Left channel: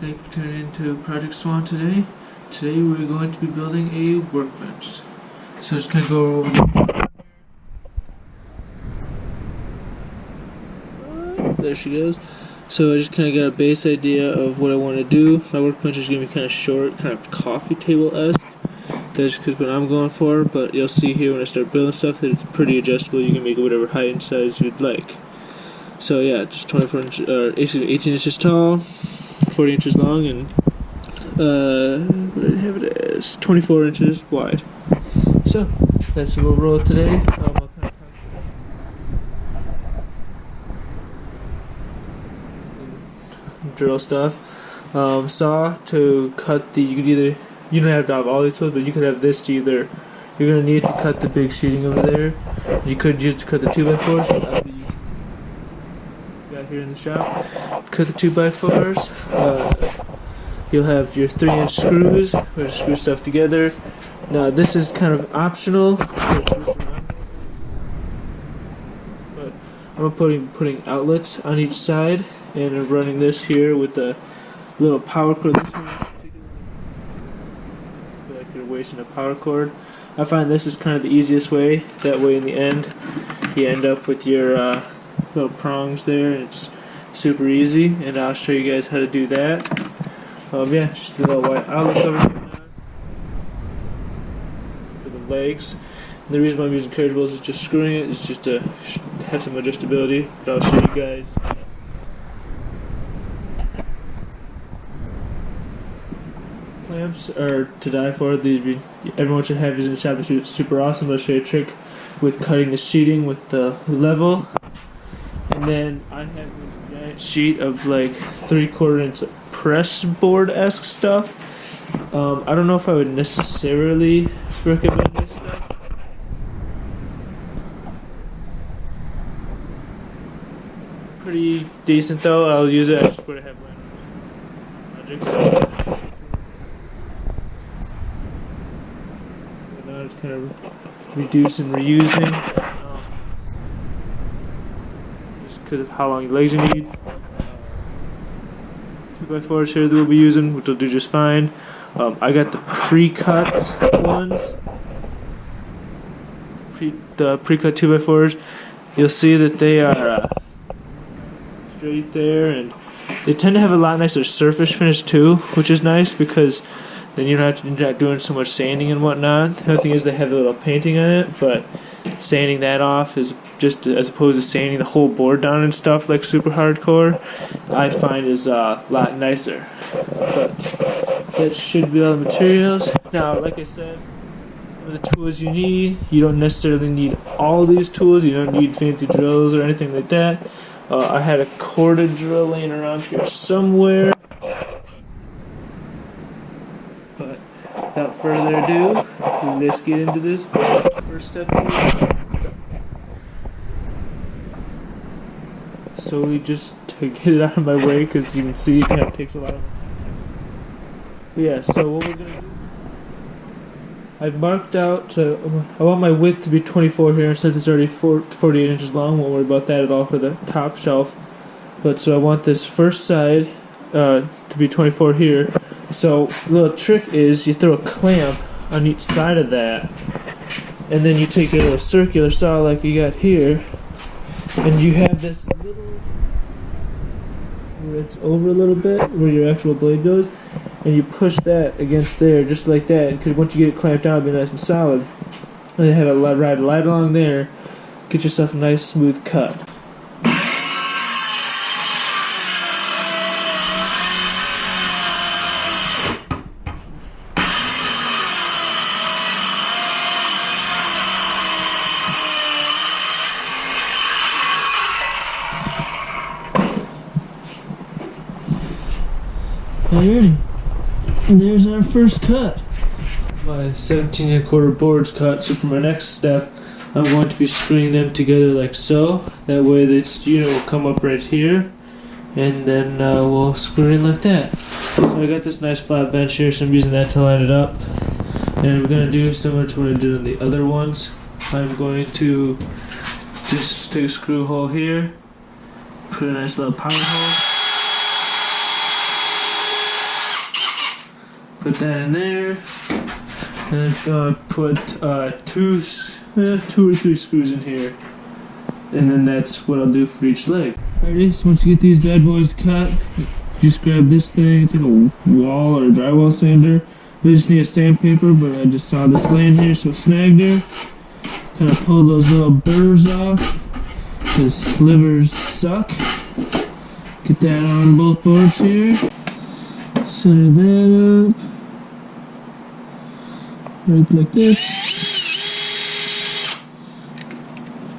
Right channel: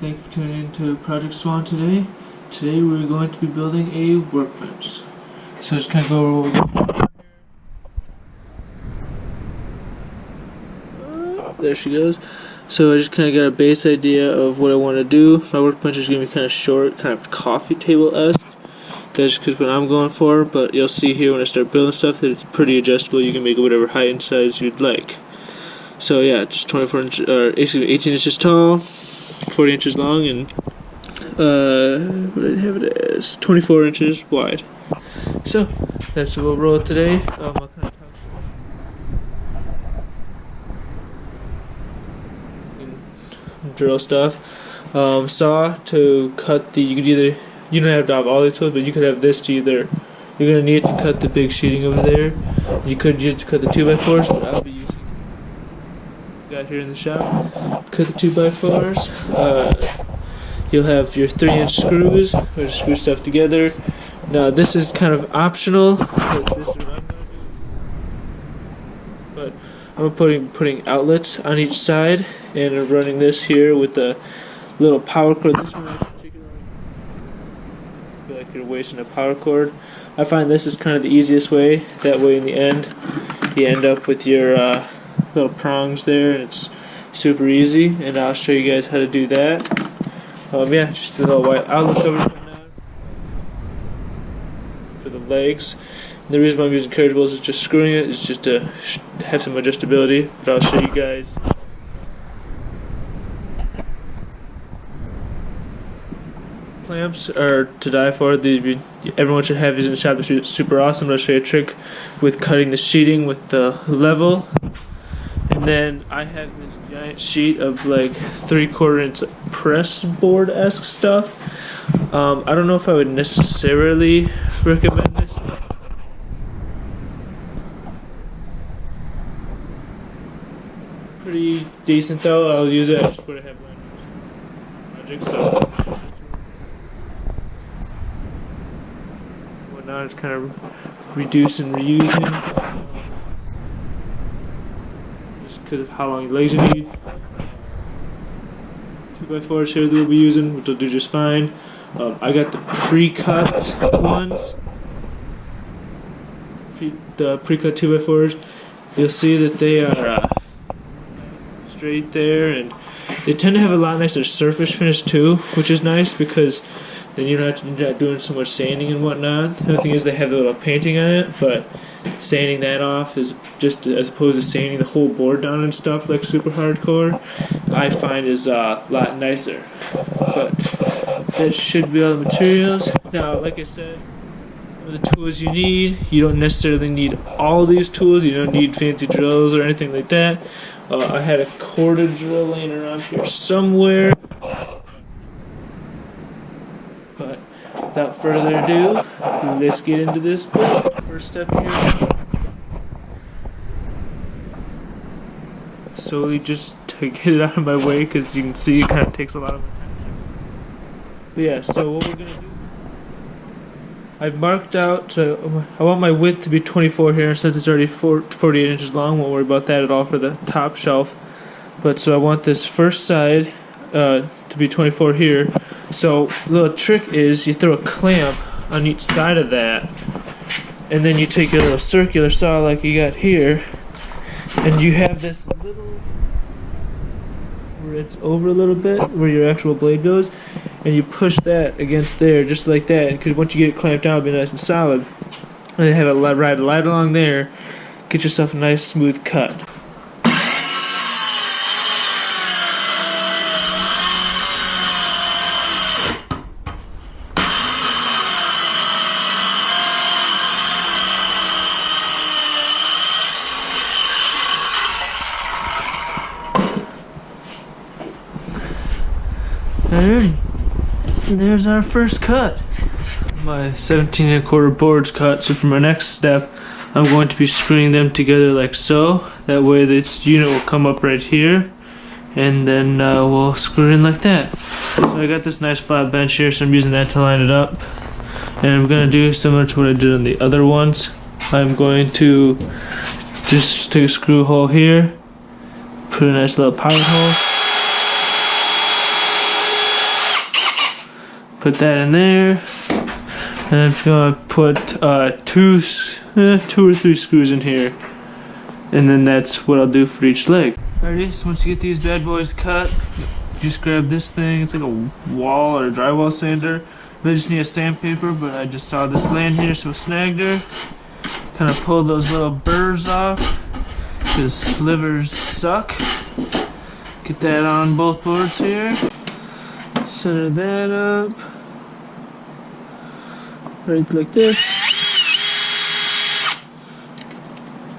Thank you for tuning in to Project Swan today. Today we're going to be building a workbench. So just kind of go over there she goes. So I just kind of got a base idea of what I want to do. My workbench is going to be kind of short, kind of coffee table-esque. That's just what I'm going for, but you'll see here when I start building stuff that it's pretty adjustable. You can make it whatever height and size you'd like. So yeah, just 18 inches tall, 40 inches long, and what did I have it as? 24 inches wide. So that's what we'll roll today. I'll kind of drill stuff. Saw to cut the. You don't have to have all these tools, but you could have this to either. You're gonna need it to cut the big sheeting over there. You could use it to cut the 2x4s, but I'll be using. Got here in the shop. Cut the 2x4s. You'll have your 3-inch screws, where to screw stuff together. Now this is kind of optional. This is what I'm gonna do. But I'm putting outlets on each side, and I'm running this here with the little power cord. This one I feel like you're wasting a power cord. I find this is kind of the easiest way. That way, in the end, you end up with your little prongs there, and it's super easy. And I'll show you guys how to do that. Yeah, just a little white outlet covers for the legs. And the reason why I'm using carriage wheels is just screwing it. It's just to have some adjustability. But I'll show you guys. Clamps are to die for. Everyone should have these in the shop. They're super awesome. I'll show you a trick with cutting the sheeting with the level. And then I have this giant sheet of like 3/4 inch press board-esque stuff. I don't know if I would necessarily recommend this stuff. Pretty decent though. I'll use it. I just would have project, so now it's kind of reduce and reusing. Just because of how long your legs you need. 2x4s here that we'll be using, which will do just fine. I got the pre-cut ones. The pre-cut 2x4s. You'll see that they are straight there, and they tend to have a lot nicer surface finish too, which is nice because then you're not doing so much sanding and whatnot. The other thing is they have the little painting on it, but sanding that off is just as opposed to sanding the whole board down and stuff like super hardcore, I find is a lot nicer. But that should be all the materials. Now, like I said, some of the tools you need, you don't necessarily need all these tools. You don't need fancy drills or anything like that. I had a corded drill laying around here somewhere. But without further ado, let's get into this build. First step here, slowly just to get it out of my way, because you can see it kind of takes a lot of time. But yeah, so what we're going to do, I've marked out, I want my width to be 24 here, and since it's already 48 inches long, won't worry about that at all for the top shelf. But so I want this first side to be 24 here. So the little trick is you throw a clamp on each side of that, and then you take your little circular saw like you got here, and you have this little where it's over a little bit where your actual blade goes, and you push that against there just like that, because once you get it clamped down, it'll be nice and solid. And then have it ride right along there, get yourself a nice smooth cut. Alrighty, there's our first cut. My 17 1/4 board's cut, so for my next step, I'm going to be screwing them together like so. That way this unit will come up right here, and then we'll screw it in like that. So I got this nice flat bench here, so I'm using that to line it up. And I'm going to do similar to what I did on the other ones. I'm going to just take a screw hole here, put a nice little pilot hole, Put that in there. And I'm just gonna put two or three screws in here. And then that's what I'll do for each leg. Alrighty, so once you get these bad boys cut, just grab this thing. It's like a wall or a drywall sander. They just need a sandpaper, but I just saw this laying here, so snagged her. Kind of pull those little burrs off, because slivers suck. Get that on both boards here. Center that up. Right like this.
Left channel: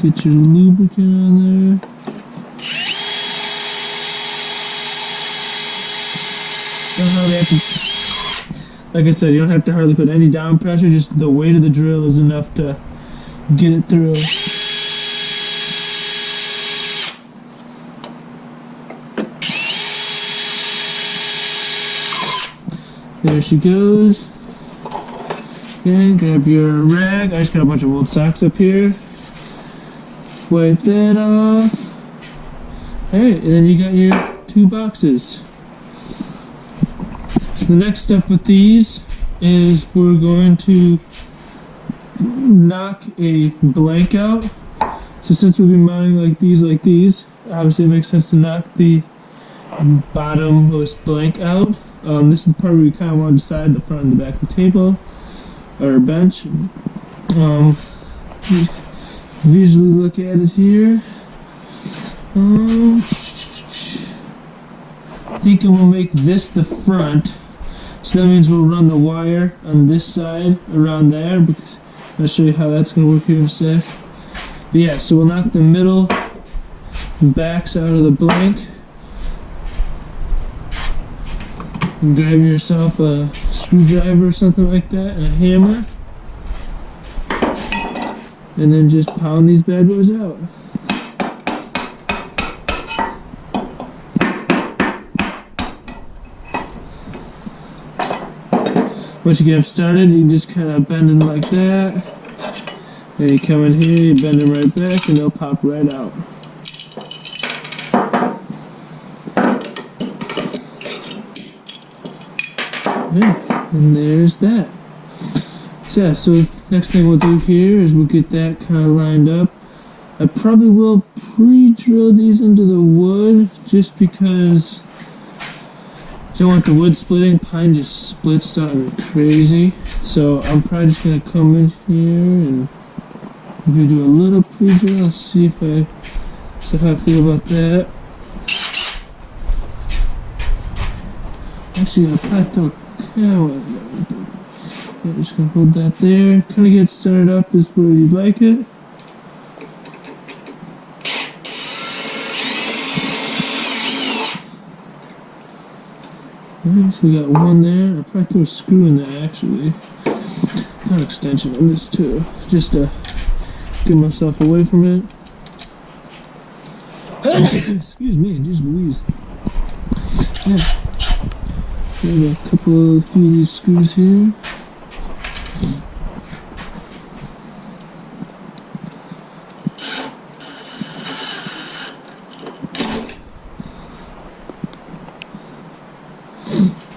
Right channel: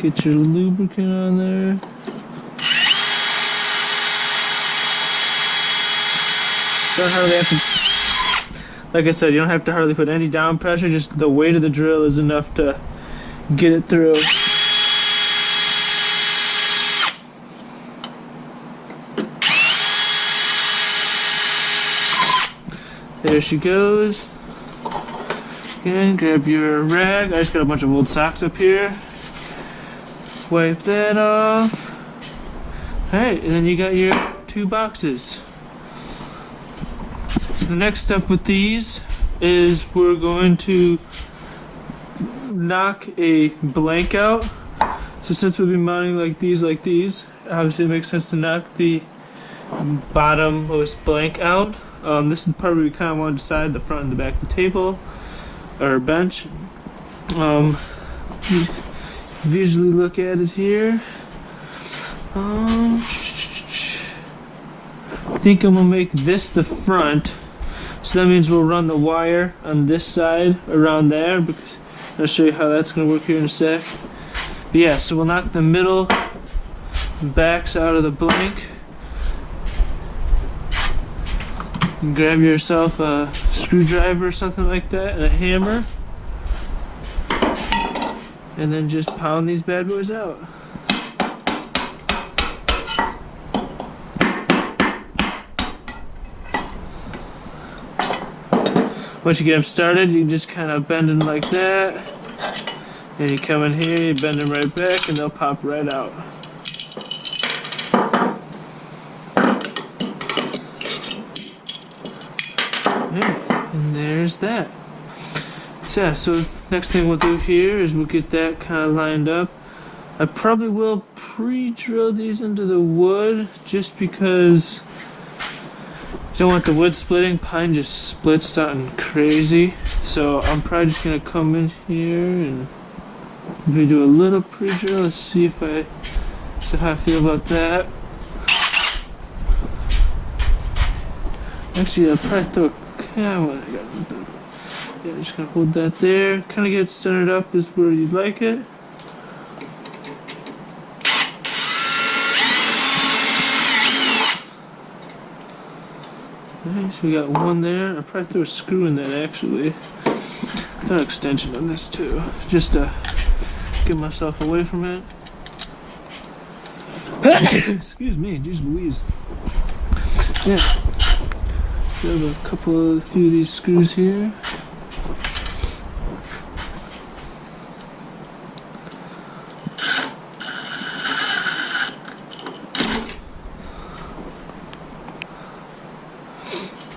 Get your lubricant on there. Don't hardly have to, like I said, you don't have to hardly put any down pressure, just the weight of the drill is enough to get it through. There she goes. Again, grab your rag. I just got a bunch of old socks up here. Wipe that off. Alright, and then you got your 2 boxes. So the next step with these is we're going to knock a blank out. So since we'll be mounting like these, obviously it makes sense to knock the bottommost blank out. This is the part where we kind of want to decide the front and the back of the table or bench. Visually look at it here. I think I'm gonna make this the front, so that means we'll run the wire on this side around there, because I'll show you how that's gonna work here in a sec. But yeah, so we'll knock the middle backs out of the blank. And grab yourself a screwdriver or something like that and a hammer, and then just pound these bad boys out. Once you get them started, you can just kind of bend them like that, and you come in here, you bend them right back, and they'll pop right out. Yeah, and there's that. So yeah, so next thing we'll do here is we'll get that kind of lined up. I probably will pre-drill these into the wood, just because I don't want the wood splitting. Pine just splits something crazy. So I'm probably just gonna come in here and maybe do a little pre-drill and see how I feel about that. Actually, I'll probably throw a camera. Yeah, just gonna hold that there. Kind of get centered up is where you'd like it. Okay, so we got one there. I'll probably throw a screw in that actually. Throw an extension on this too, just to get myself away from it. Excuse me, geez Louise. Yeah. Grab a few of these screws here.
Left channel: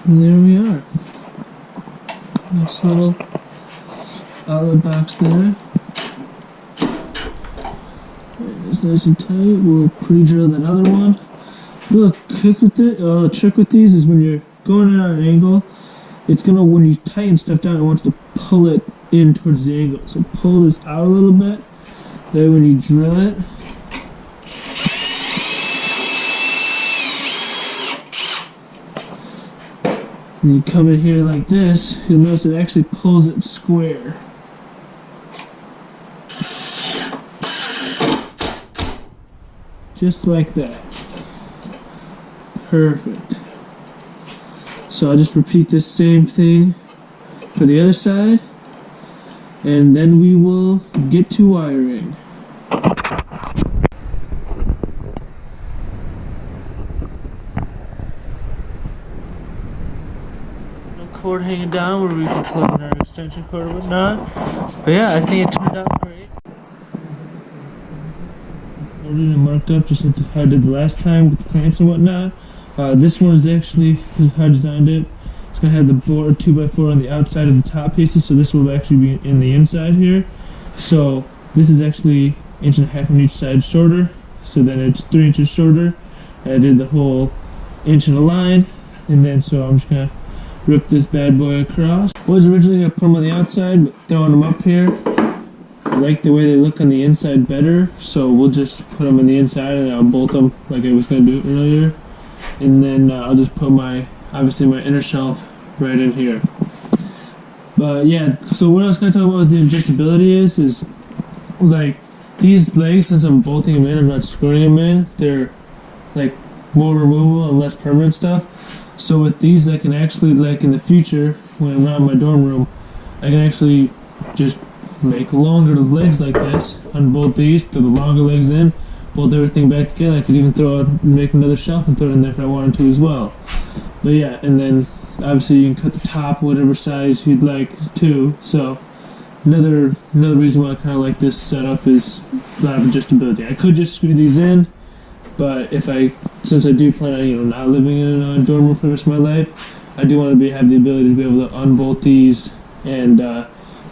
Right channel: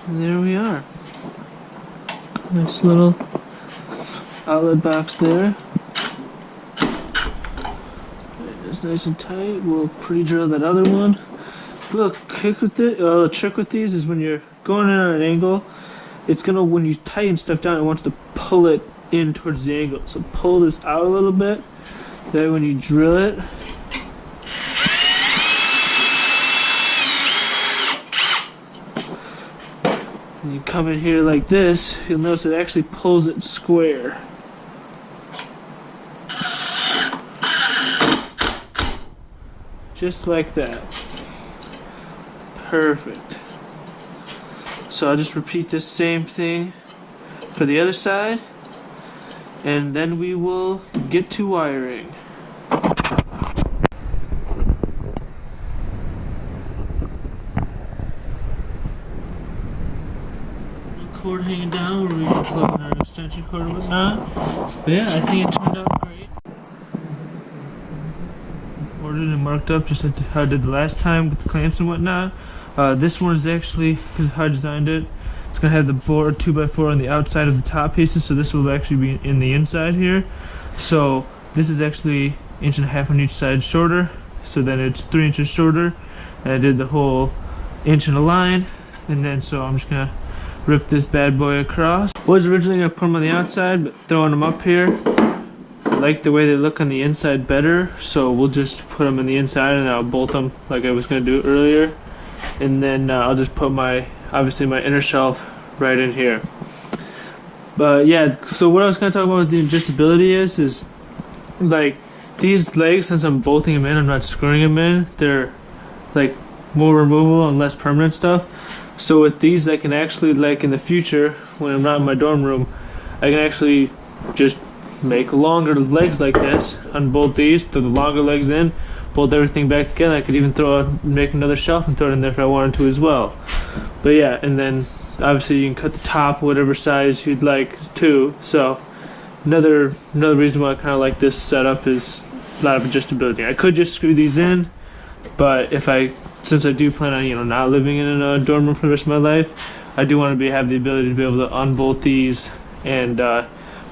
And there we are. Nice little outlet box there. It's nice and tight. We'll pre-drill that other one. A little trick with these is when you're going in at an angle, it's gonna, when you tighten stuff down, it wants to pull it in towards the angle. So pull this out a little bit. That way when you drill it, and you come in here like this, you'll notice it actually pulls it square. Just like that. Perfect. So I'll just repeat this same thing for the other side, and then we will get to wiring. Cord hanging down where we can plug in our extension cord or whatnot. But yeah, I think it turned out great. Ordered and marked up just like how I did the last time with the clamps and whatnot. This one is actually, because how I designed it, it's gonna have the board 2x4 on the outside of the top pieces, so this will actually be in the inside here. So this is actually 1.5 inches on each side shorter, so then it's 3 inches shorter. And I did the whole inch in a line, and then so I'm just gonna rip this bad boy across. Was originally gonna put them on the outside, but throwing them up here, I like the way they look on the inside better, so we'll just put them on the inside and I'll bolt them like I was gonna do earlier. And then I'll just put obviously my inner shelf right in here. But yeah, so what I was gonna talk about with the adjustability is like these legs, since I'm bolting them in, I'm not screwing them in, they're like more removable and less permanent stuff. So with these, I can actually, like in the future, when I'm not in my dorm room, I can actually just make longer legs like this, unbolt these, throw the longer legs in, bolt everything back together. I could even make another shelf and throw it in there if I wanted to as well. But yeah, and then obviously you can cut the top whatever size you'd like too. So another reason why I kind of like this setup is a lot of adjustability. I could just screw these in, but since I do plan on not living in a dorm room for the rest of my life, I do want to have the ability to be able to unbolt these and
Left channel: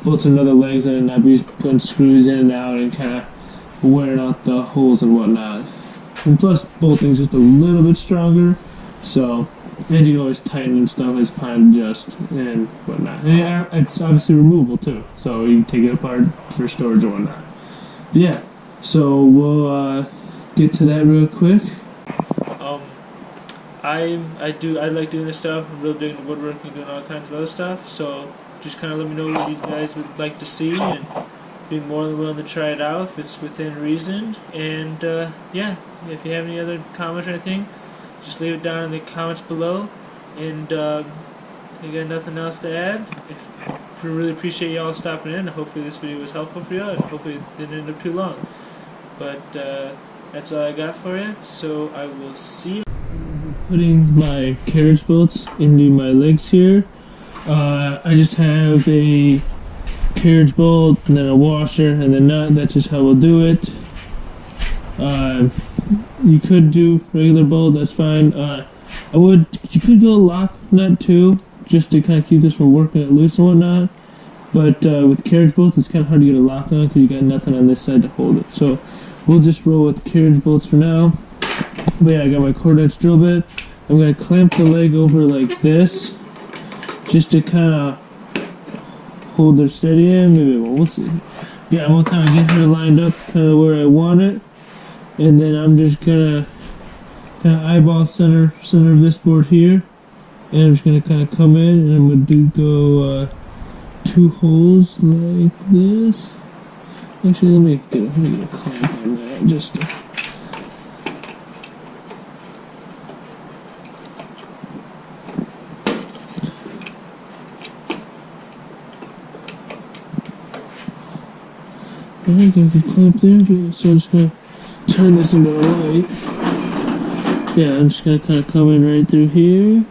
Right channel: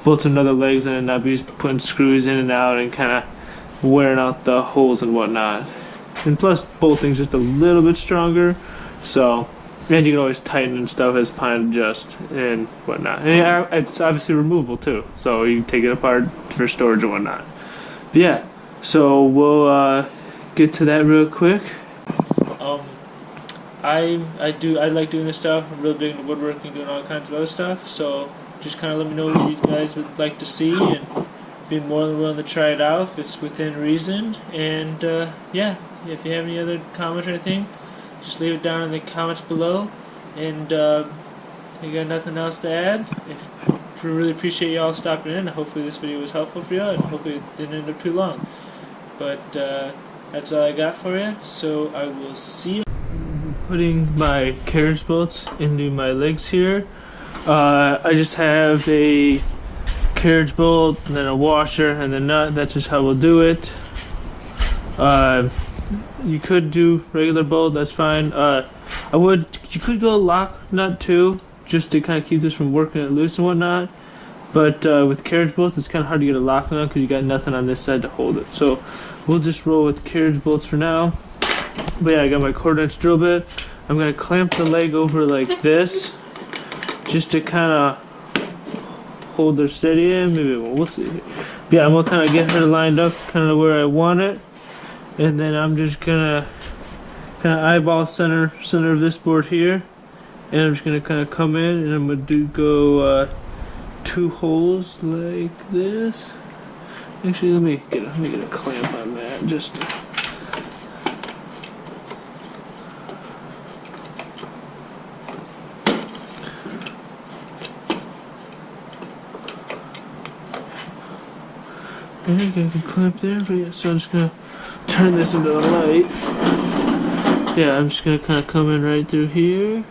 bolt some other legs in and not be putting screws in and out and kind of wearing out the holes and whatnot. And plus, bolting's just a little bit stronger, so, and you can always tighten and stuff as plan adjust and whatnot. And yeah, it's obviously removable too, so you can take it apart for storage and whatnot. But yeah, so we'll get to that real quick. I like doing this stuff. I'm really big into woodworking, doing all kinds of other stuff. So just kind of let me know what you guys would like to see, and be more than willing to try it out if it's within reason. And yeah, if you have any other comments or anything, just leave it down in the comments below. And if you got nothing else to add, we really appreciate y'all stopping in. Hopefully this video was helpful for you, and hopefully it didn't end up too long. But that's all I got for you. So I will see you. Putting my carriage bolts into my legs here. I just have a carriage bolt and then a washer and a nut. That's just how we'll do it. You could do regular bolt, that's fine. You could go lock nut too, just to kind of keep this from working it loose and whatnot. But with carriage bolts, it's kind of hard to get a lock nut because you got nothing on this side to hold it. So we'll just roll with carriage bolts for now. But yeah, I got my 1/4" drill bit. I'm going to clamp the leg over like this, just to kind of hold her steady in. Maybe we'll see. Yeah, I'm going to kind of get her lined up kind of where I want it. And then I'm just going to kind of eyeball center of this board here. And I'm just going to kind of come in and I'm going to go 2 holes like this. Actually, let me get a clamp on that just to, I think I can clamp there, but yeah, so I'm just gonna turn this into the light. Yeah, I'm just gonna kind of come in right through here.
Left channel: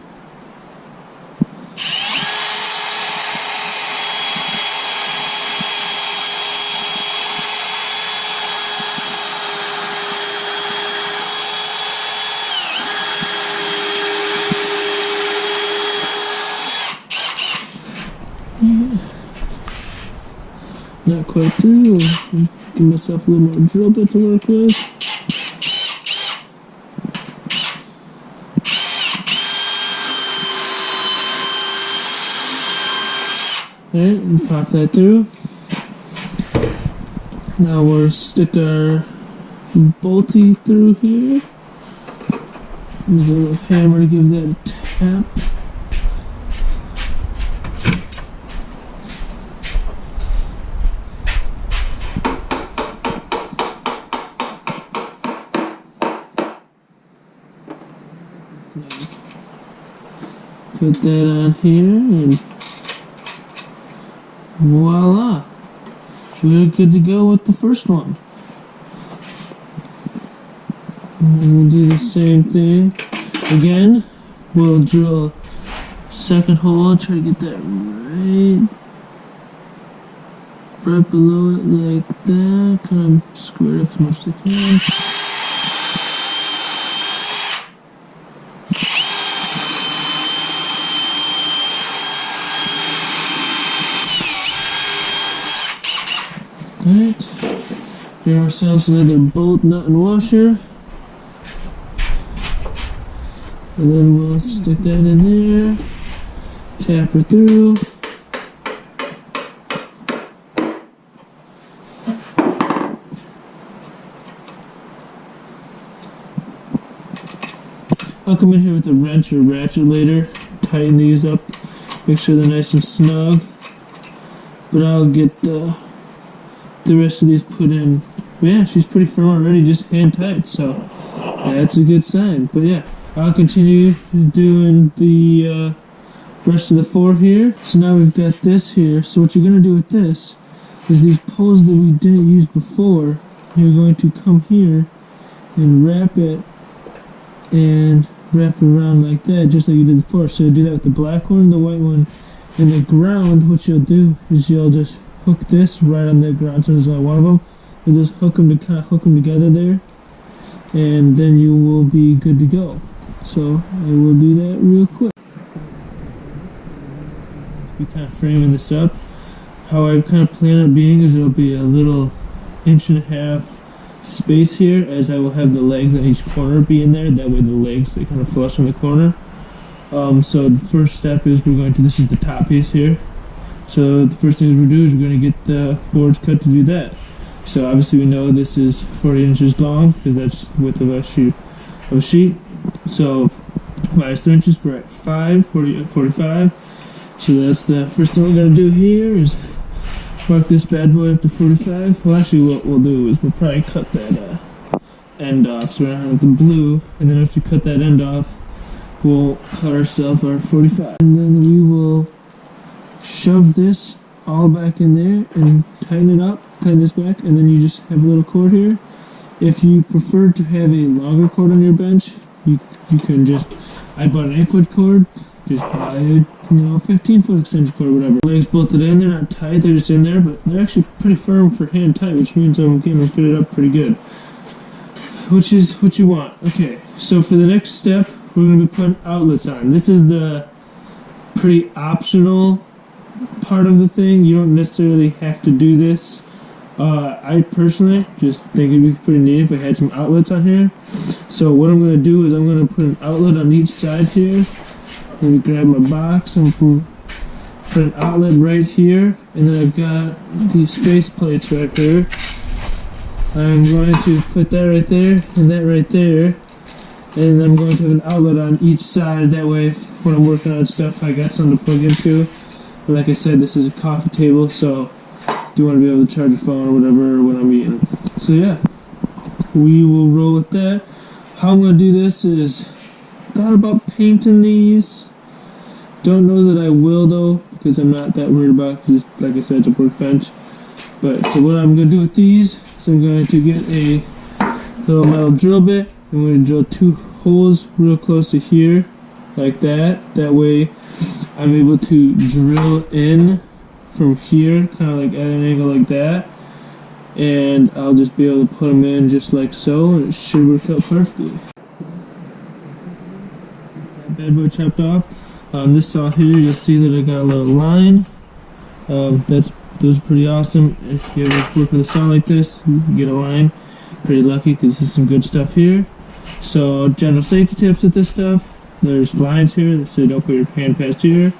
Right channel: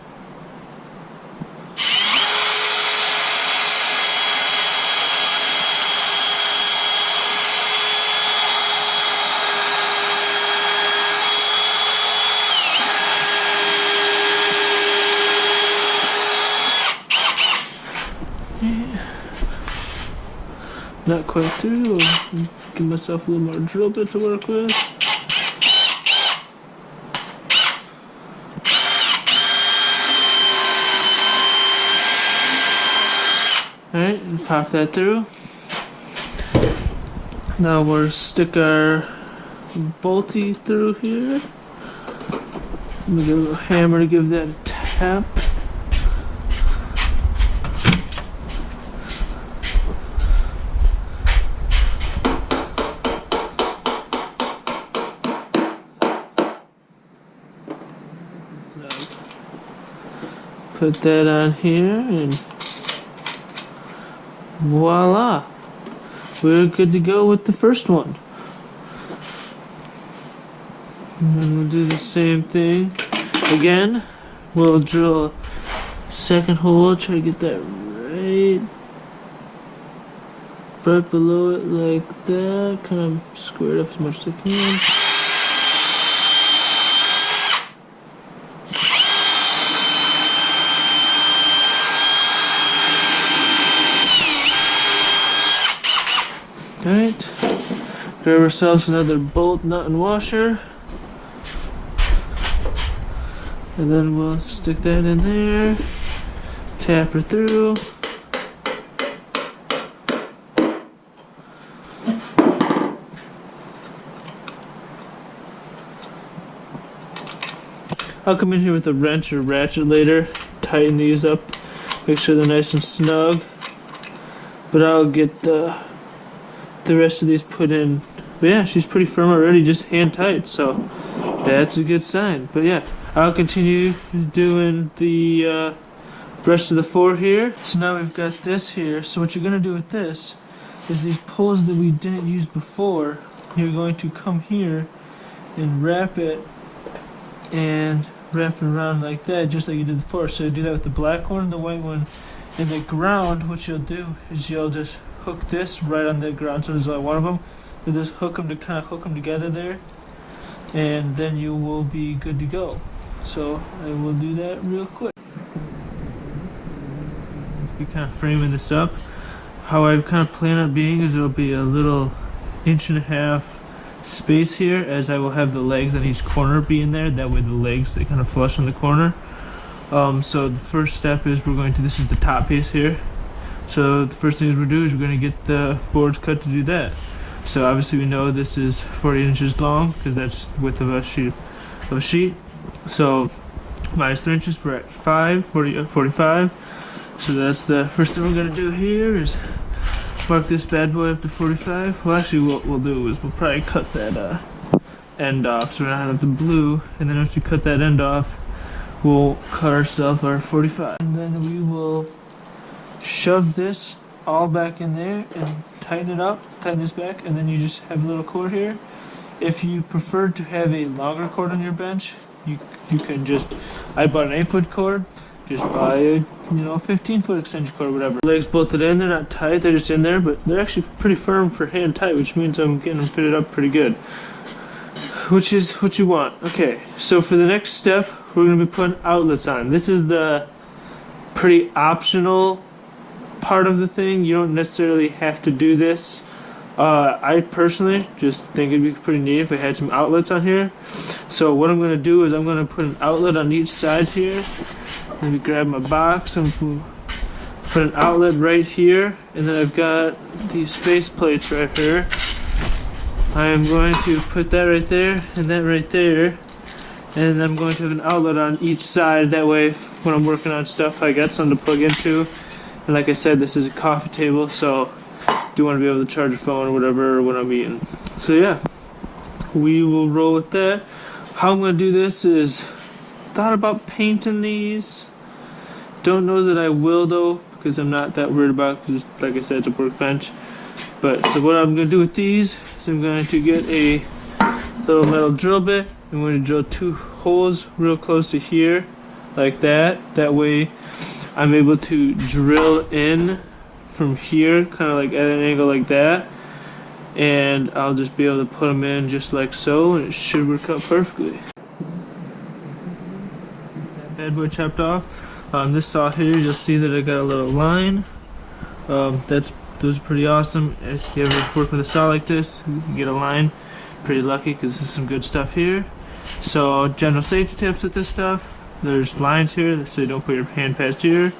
Not quite through. I'll give myself a little more drill bit to work with. Alright, and pop that through. Now we'll stick our bolty through here. Let me get a little hammer to give that a tap. Put that on here and voila, we're good to go with the first one. And then we'll do the same thing again. We'll drill a second hole, try to get that right below it like that, kind of square it up as much as I can. Alright, grab ourselves another bolt, nut, and washer. And then we'll stick that in there, tap her through. I'll come in here with a wrench or ratchet later, tighten these up, make sure they're nice and snug. But I'll get the rest of these put in. But yeah, she's pretty firm already, just hand tight, so that's a good sign. But yeah, I'll continue doing the rest of the 4 here. So now we've got this here. So what you're going to do with this is these poles that we didn't use before, you're going to come here and wrap it around like that, just like you did before. So you do that with the black one, the white one, and the ground. What you'll do is you'll just hook this right on the ground. So there's only one of them. You'll just hook them to kind of hook them together there, and then you will be good to go. So I will do that real quick. Be kind of framing this up. How I kind of plan on being is it'll be a little 1.5 inch space here, as I will have the legs on each corner be in there. That way the legs, they kind of flush on the corner. So the first step is this is the top piece here. So the first thing we're do is we're going to get the boards cut to do that. So obviously we know this is 40 inches long because that's the width of a sheet. So minus 3 inches, we're at 45. So that's the first thing we're going to do here is mark this bad boy up to 45. Well, actually what we'll do is we'll probably cut that end off, so we're not have the blue, and then once we cut that end off, we'll cut ourselves our 45. And then we will shove this all back in there and tighten it up, tighten this back, and then you just have a little cord here. If you prefer to have a longer cord on your bench, you can just, I bought an 8-foot cord, just buy a 15-foot extension cord or whatever. Legs bolted in, they're not tight, they're just in there, but they're actually pretty firm for hand tight, which means I'm getting them fitted up pretty good. Which is what you want. Okay, so for the next step, we're going to be putting outlets on. This is the pretty optional part of the thing. You don't necessarily have to do this. I personally just think it'd be pretty neat if I had some outlets on here. So what I'm going to do is I'm going to put an outlet on each side here. And grab my box and put an outlet right here, and then I've got these face plates right here. I'm going to put that right there and that right there, and I'm going to have an outlet on each side. That way when I'm working on stuff I got something to plug into. And like I said, this is a coffee table, so I do want to be able to charge a phone or whatever when I'm eating. So yeah, we will roll with that. How I'm going to do this is, thought about painting these. Don't know that I will though, because I'm not that worried about it, because like I said, it's a workbench. But so what I'm going to do with these is I'm going to get a little metal drill bit. I'm going to drill 2 holes real close to here, like that. That way I'm able to drill in from here, kind of like at an angle like that. And I'll just be able to put them in just like so, and it should work out perfectly. Bad boy chopped off. On this saw here, you'll see that I got a little line. Those are pretty awesome. If you ever work with a saw like this, you can get a line. Pretty lucky because this is some good stuff here. So general safety tips with this stuff. There's lines here that say don't put your hand past here.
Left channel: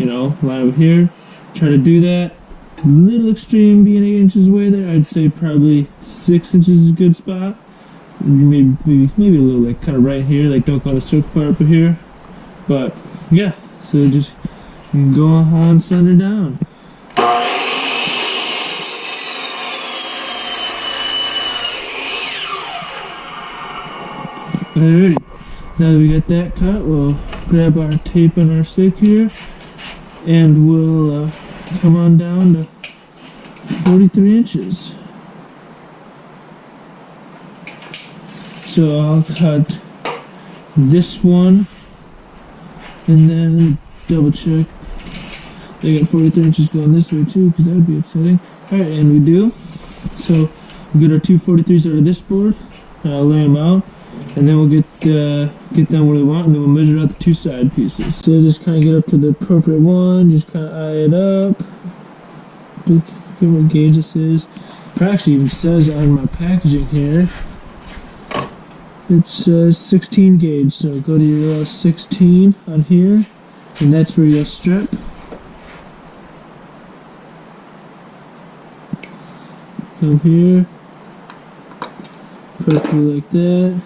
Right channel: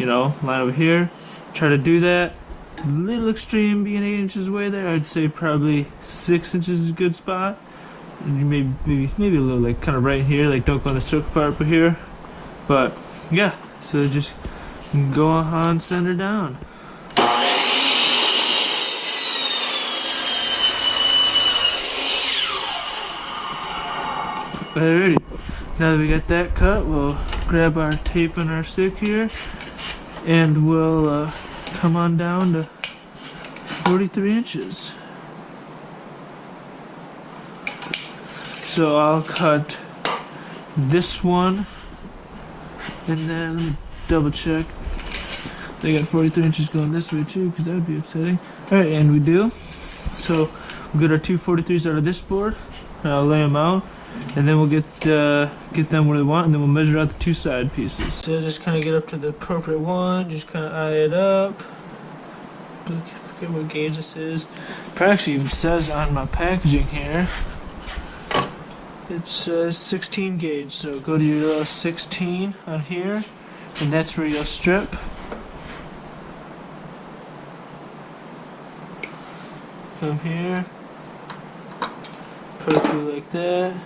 Line over here. Try to do that. A little extreme being 8 inches away there. I'd say probably 6 inches is a good spot. Maybe a little like kind of right here. Like don't go on the circle part up here. But yeah, so just go on, send her down. Alrighty, now that we got that cut, we'll grab our tape and our stick here, and we'll come on down to 43 inches. So I'll cut this one. And then, let me double check. They got 43 inches going this way too, because that would be upsetting. Alright, and we do. So, we'll get our 2 43s out of this board, and I'll lay them out, and then we'll get them where they want, and then we'll measure out the 2 side pieces. So just kind of get up to the appropriate one, just kind of eye it up. Forget here what gauge this is. It actually even says on my packaging here, it says 16 gauge. So go to your 16 on here, and that's where you'll strip. Come here, put it through like that.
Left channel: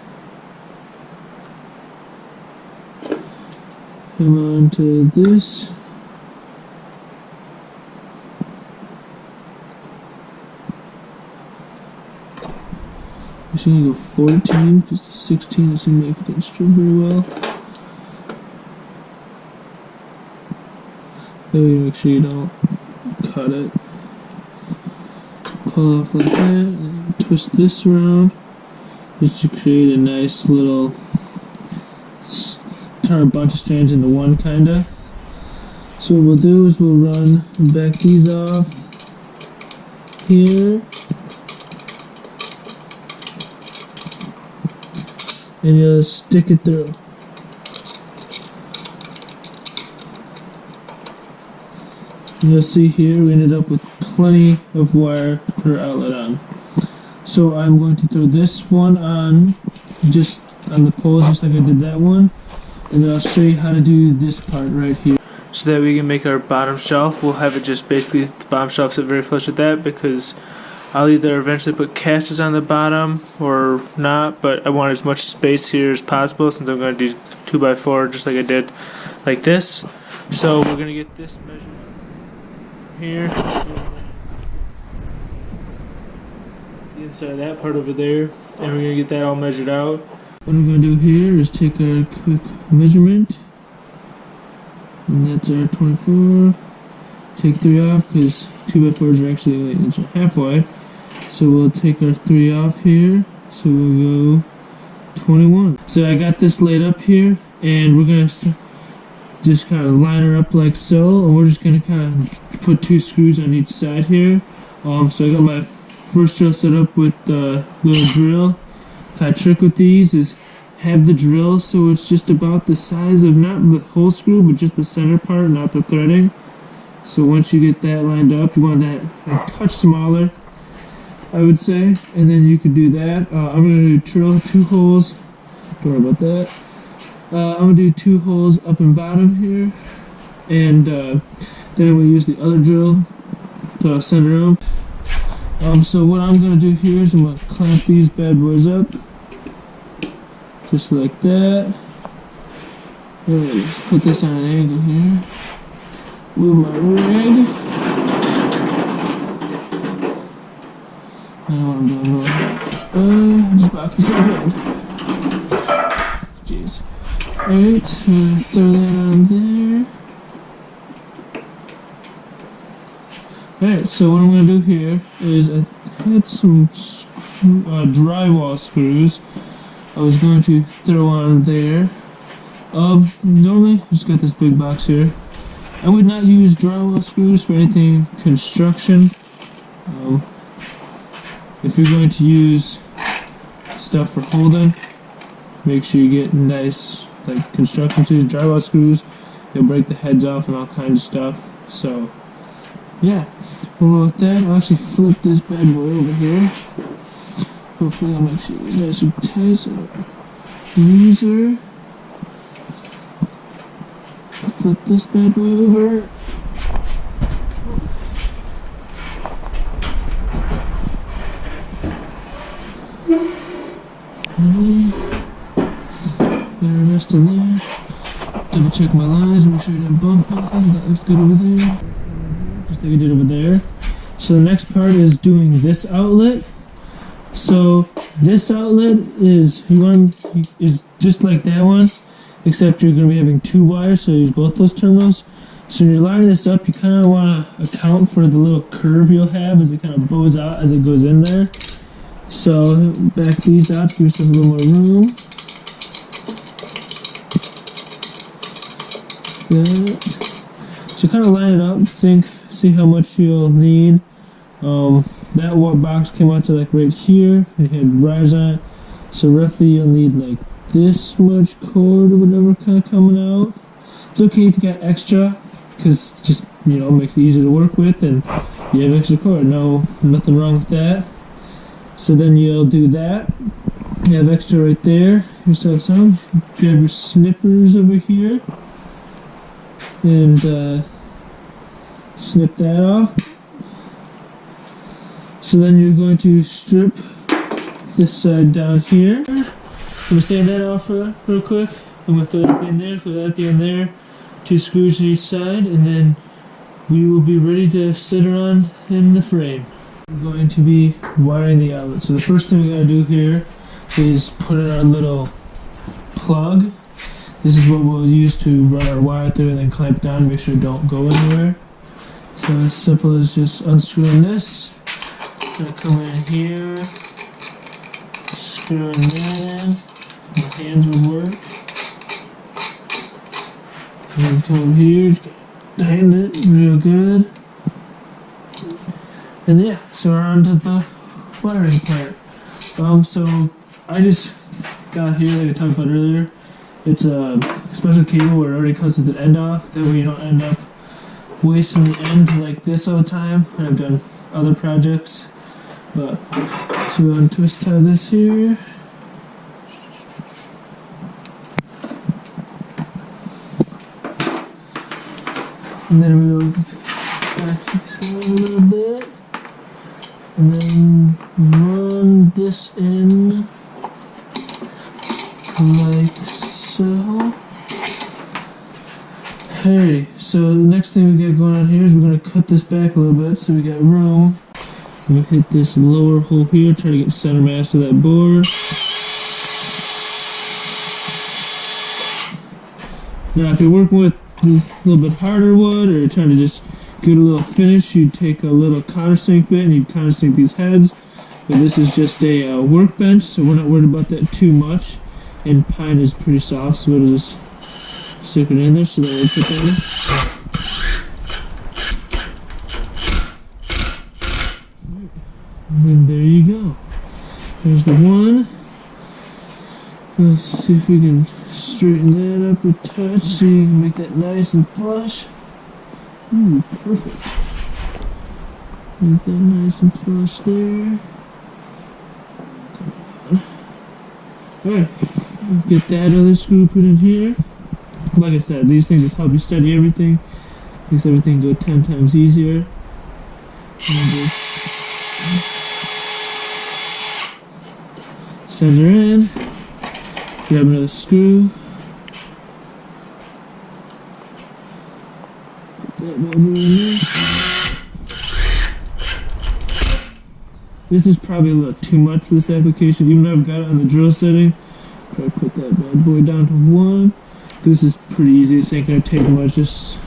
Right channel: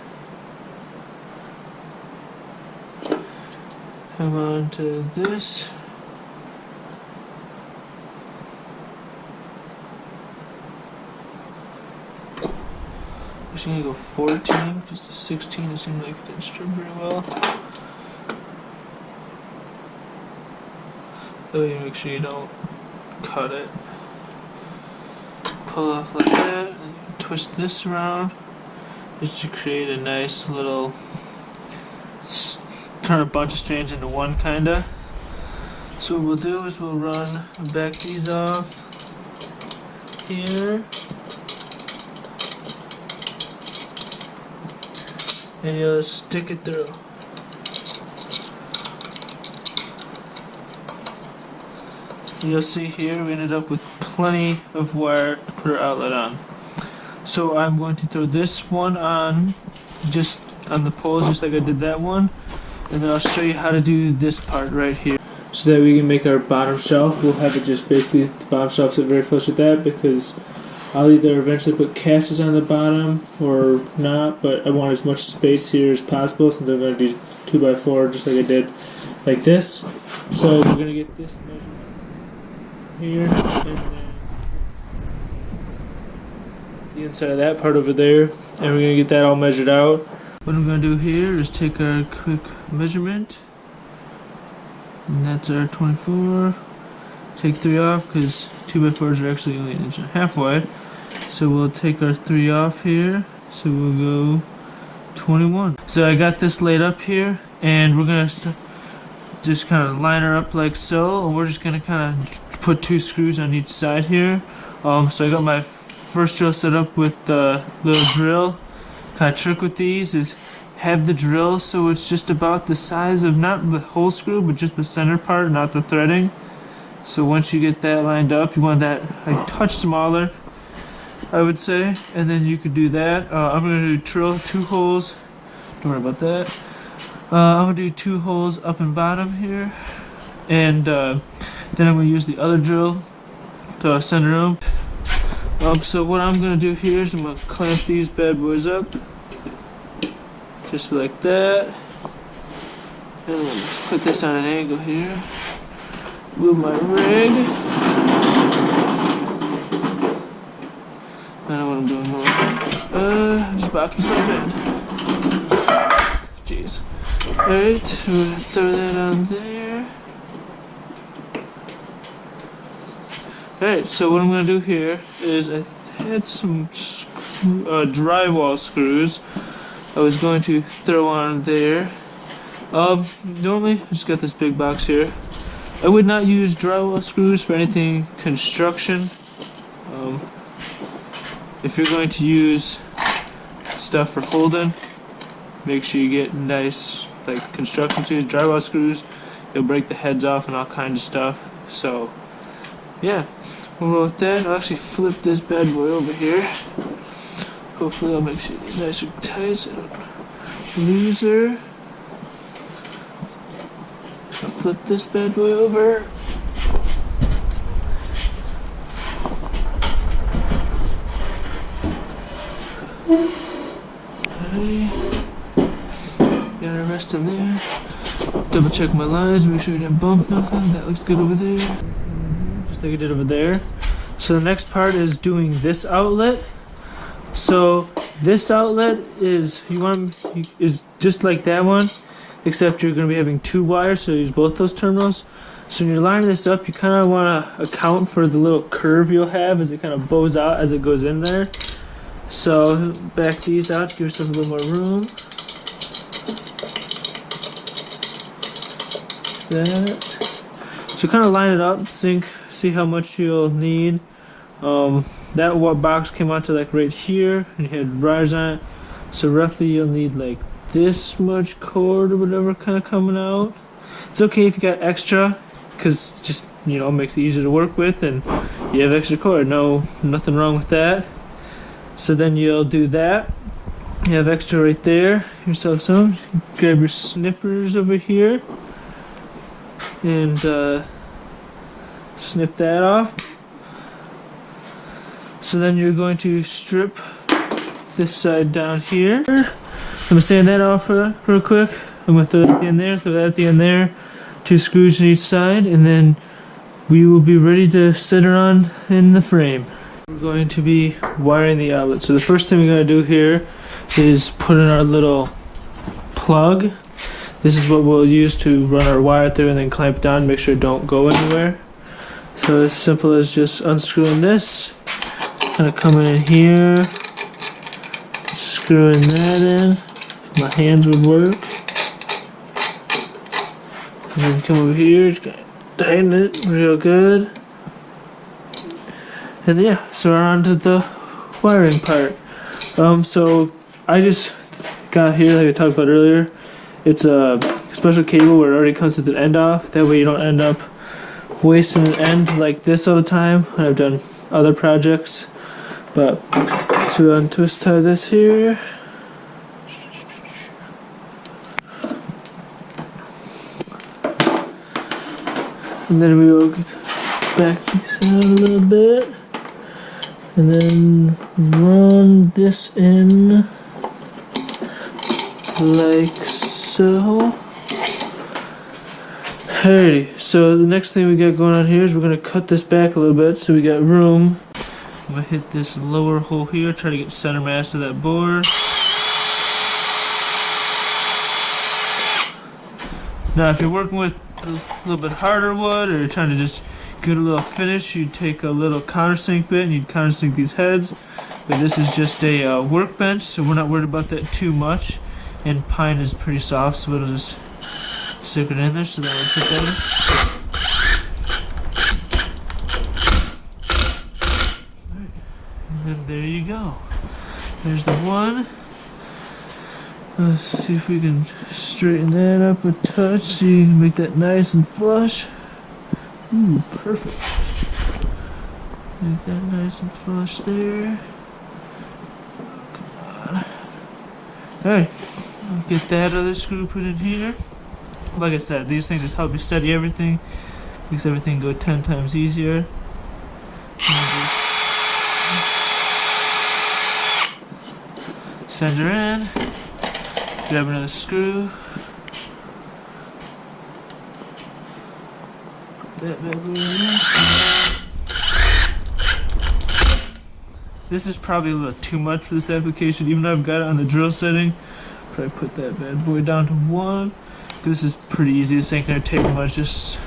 Come on to this. I'm gonna go 14, because the 16 it seemed like it didn't strip very well. So you make sure you don't cut it. Pull off like that, and you twist this around just to create a nice little, turn a bunch of strands into one kinda. So what we'll do is we'll back these off here. And you'll stick it through. And you'll see here we ended up with plenty of wire to put our outlet on. So I'm going to throw this one on, just on the poles, just like I did that one. And then I'll show you how to do this part right here. So that we can make our bottom shelf. We'll have it just basically, the bottom shelf sit very flush with that, because I'll either eventually put casters on the bottom or not, but I want as much space here as possible since I'm going to do 2x4 just like I did like this. So we're going to get this measured here, and then the inside of that part over there, and we're going to get that all measured out. What I'm going to do here is take our quick measurement, and that's our 24. Take 3 off because 2x4s are actually only 1.5 inches wide. So we'll take our 3 off here. So we'll go 21. So I got this laid up here, and we're gonna just kind of line her up like so, and we're just gonna kind of put 2 screws on each side here. So I got my first drill set up with the little drill. Kind of trick with these is have the drill so it's just about the size of not the whole screw, but just the center part, not the threading. So once you get that lined up, you want that a touch smaller, I would say, and then you could do that. I'm going to drill 2 holes, don't worry about that. I'm going to do 2 holes up and bottom here, and then I'm going to use the other drill to center them. So what I'm going to do here is I'm going to clamp these bad boys up, just like that, and then put this on an angle here. Move my rig. I don't know what I'm doing now. Just box myself in. Jeez. Alright, throw that on there. Alright, so what I'm going to do here is I had some drywall screws I was going to throw on there. Normally, I just got this big box here. I would not use drywall screws for anything construction. If you're going to use stuff for holding, make sure you get nice like construction tools. Drywall screws, you'll break the heads off and all kinds of stuff. So yeah, we'll go with that. I'll actually flip this bad boy over here. Hopefully that'll make sure you nice and tight so don't lose her. I'll flip this bad boy over. Alrighty. Got our rest in there. Double check my lines, make sure I didn't bump nothing. That looks good over there. Just like I did over there. So the next part is doing this outlet. So this outlet is is just like that one, except you're going to be having 2 wires, so use both those terminals. So when you're lining this up, you kind of want to account for the little curve you'll have as it kind of bows out as it goes in there. So back these out, give yourself a little more room. That. So kind of line it up, see how much you'll need. That box came out to like right here, and you had wires on it. So roughly you'll need like this much cord or whatever kind of coming out. It's okay if you got extra, because just makes it easier to work with, and you have extra cord. Nothing wrong with that. So then you'll do that. You have extra right there. Yourself some. Grab your snippers over here and snip that off. So then you're going to strip this side down here. I'm gonna sand that off real quick. I'm gonna throw that at the end there, throw that at the end there. 2 screws on each side, and then we will be ready to sit her on in the frame. We're going to be wiring the outlet. So the first thing we're gonna do here is put in our little plug. This is what we'll use to run our wire through and then clamp down, make sure it don't go anywhere. So as simple as just unscrewing this, kind of coming in here, screwing that in. If my hands would work. And then come over here, just tighten it real good. And yeah, so we're on to the wiring part. So I just got here, like I talked about earlier. It's a special cable where it already comes with an end off. That way you don't end up wasting an end like this all the time. I've done other projects. But, so we'll untwist tie this here. And then we will back this out a little bit. And then run this in like so. Alrighty, so the next thing we got going on here is we're going to cut this back a little bit so we got room. I'm going to hit this lower hole here, try to get center mass of that board. Now if you're working with a little bit harder wood, or you're trying to just get a little finish, you take a little countersink bit and you countersink these heads. But this is just a workbench, so we're not worried about that too much. And pine is pretty soft, so it'll just stick it in there, so then we'll put that in. Right. And then there you go. There's the one. Let's see if we can straighten that up a touch so you can make that nice and flush. Ooh, perfect. Make that nice and flush there. Oh, come on. Alright, I'll get that other screw put in here. Like I said, these things just help you study everything. Makes everything go 10 times easier. Send her in. Grab another screw. Put that bad boy in there. This is probably a little too much for this application, even though I've got it on the drill setting. Probably put that bad boy down to 1. This is pretty easy. This ain't gonna take much, just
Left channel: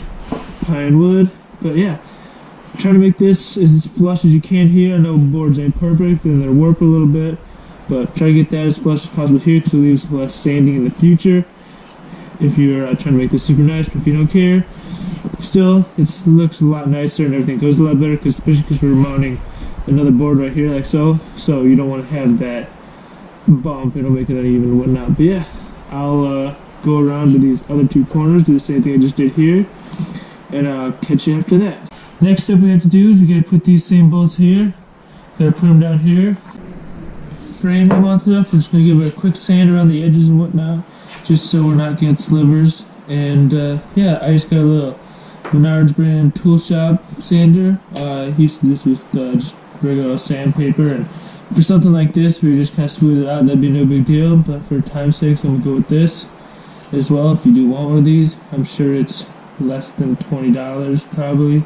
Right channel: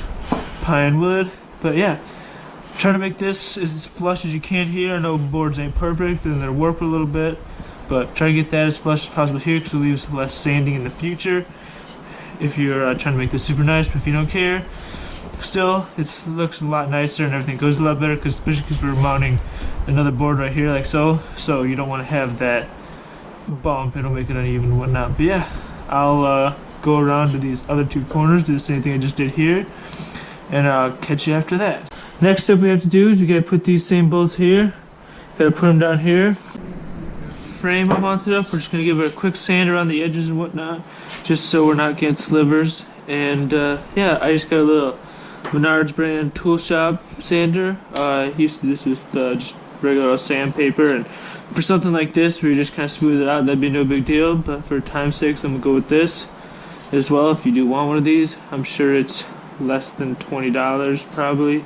pine wood. But yeah, try to make this as flush as you can here. I know boards ain't perfect and they're warped a little bit, but try to get that as flush as possible here because it leaves less sanding in the future if you're trying to make this super nice. But if you don't care, still it looks a lot nicer and everything goes a lot better, especially because we're mounting another board right here like so you don't want to have that bump. It'll make it uneven and whatnot. But yeah, I'll go around to these other 2 corners, do the same thing I just did here, and I'll catch you after that. Next step we have to do is we gotta put these same bolts here. Gotta put them down here. Frame them mounted up. We're just gonna give it a quick sand around the edges and whatnot, just so we're not getting slivers. And yeah, I just got a little Menards brand tool shop sander. I used to do this with just regular sandpaper, and for something like this where you just kind of smooth it out, that'd be no big deal. But for time's sake, I'm gonna go with this as well. If you do want one of these, I'm sure it's less than $20 probably,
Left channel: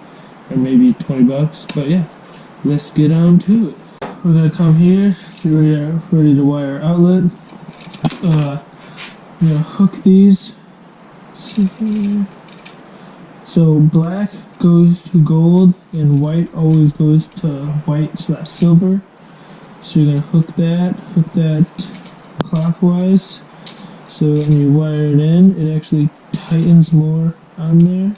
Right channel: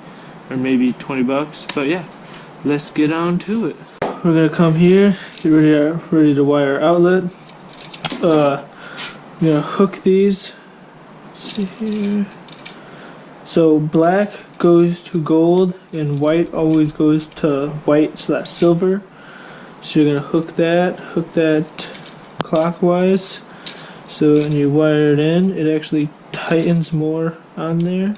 or maybe 20 bucks. But yeah, let's get on to it. We're gonna come here, get ready to wire our outlet. We're gonna hook these. Let's see here. So black goes to gold and white always goes to white/silver. So you're gonna hook that clockwise. So when you wire it in, it actually tightens more on there.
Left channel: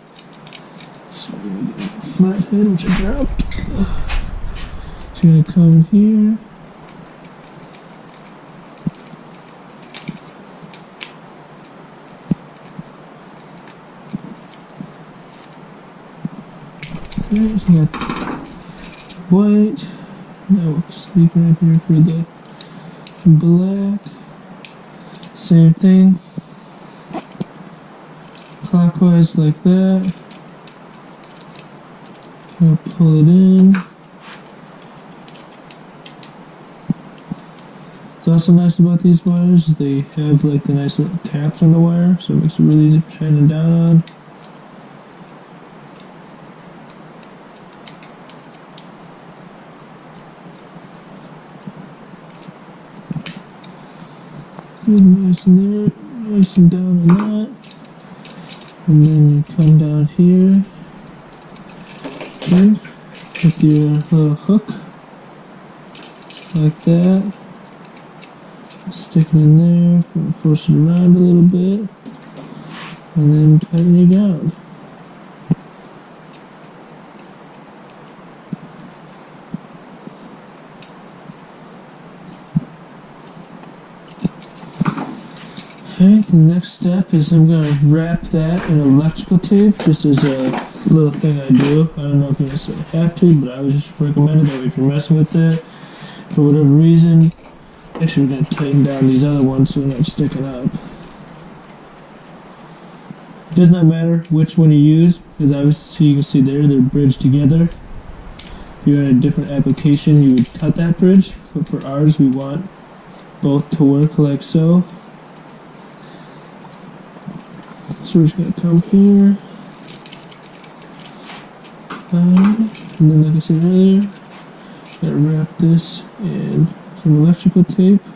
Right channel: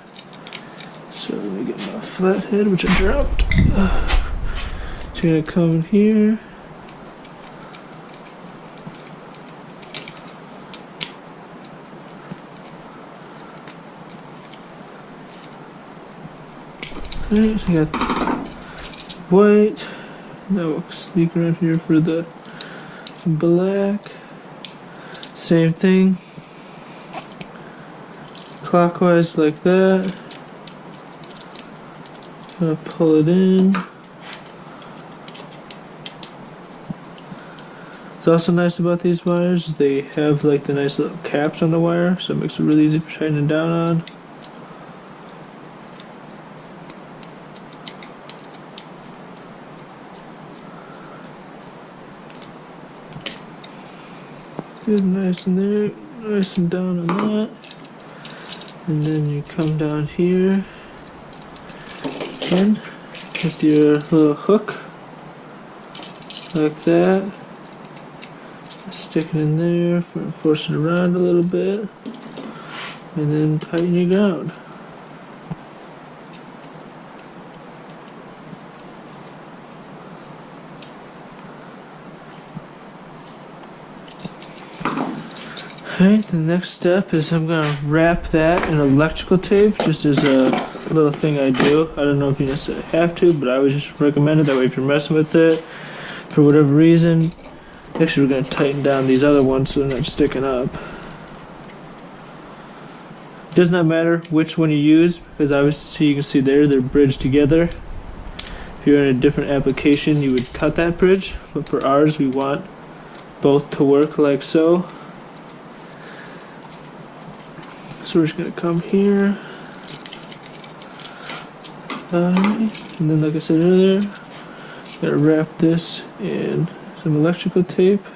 So let me get my flathead, which I dropped. So you're gonna come in here. Alright, I got white. Now we'll sneak around here for the black. Same thing. Clockwise like that. Gonna pull it in. What's also nice about these wires is they have like the nice little caps on the wire, so it makes it really easy for shining down on. Good, nice in there, nice and down on that. And then you come down here again with your little hook, like that. Stick it in there, force it around a little bit, and then tighten you down. Alright, the next step is I'm going to wrap that in electrical tape, just as a little thing I do. I don't know if you necessarily have to, but I would just recommend it. That way if you're messing with it, for whatever reason, actually we're going to tighten down these other ones so they're not sticking up. It does not matter which one you use, because obviously you can see there, they're bridged together. If you're in a different application, you would cut that bridge, but for ours, we want both to work like so. So we're just going to come here, and then like I said earlier, got to wrap this in some electrical tape.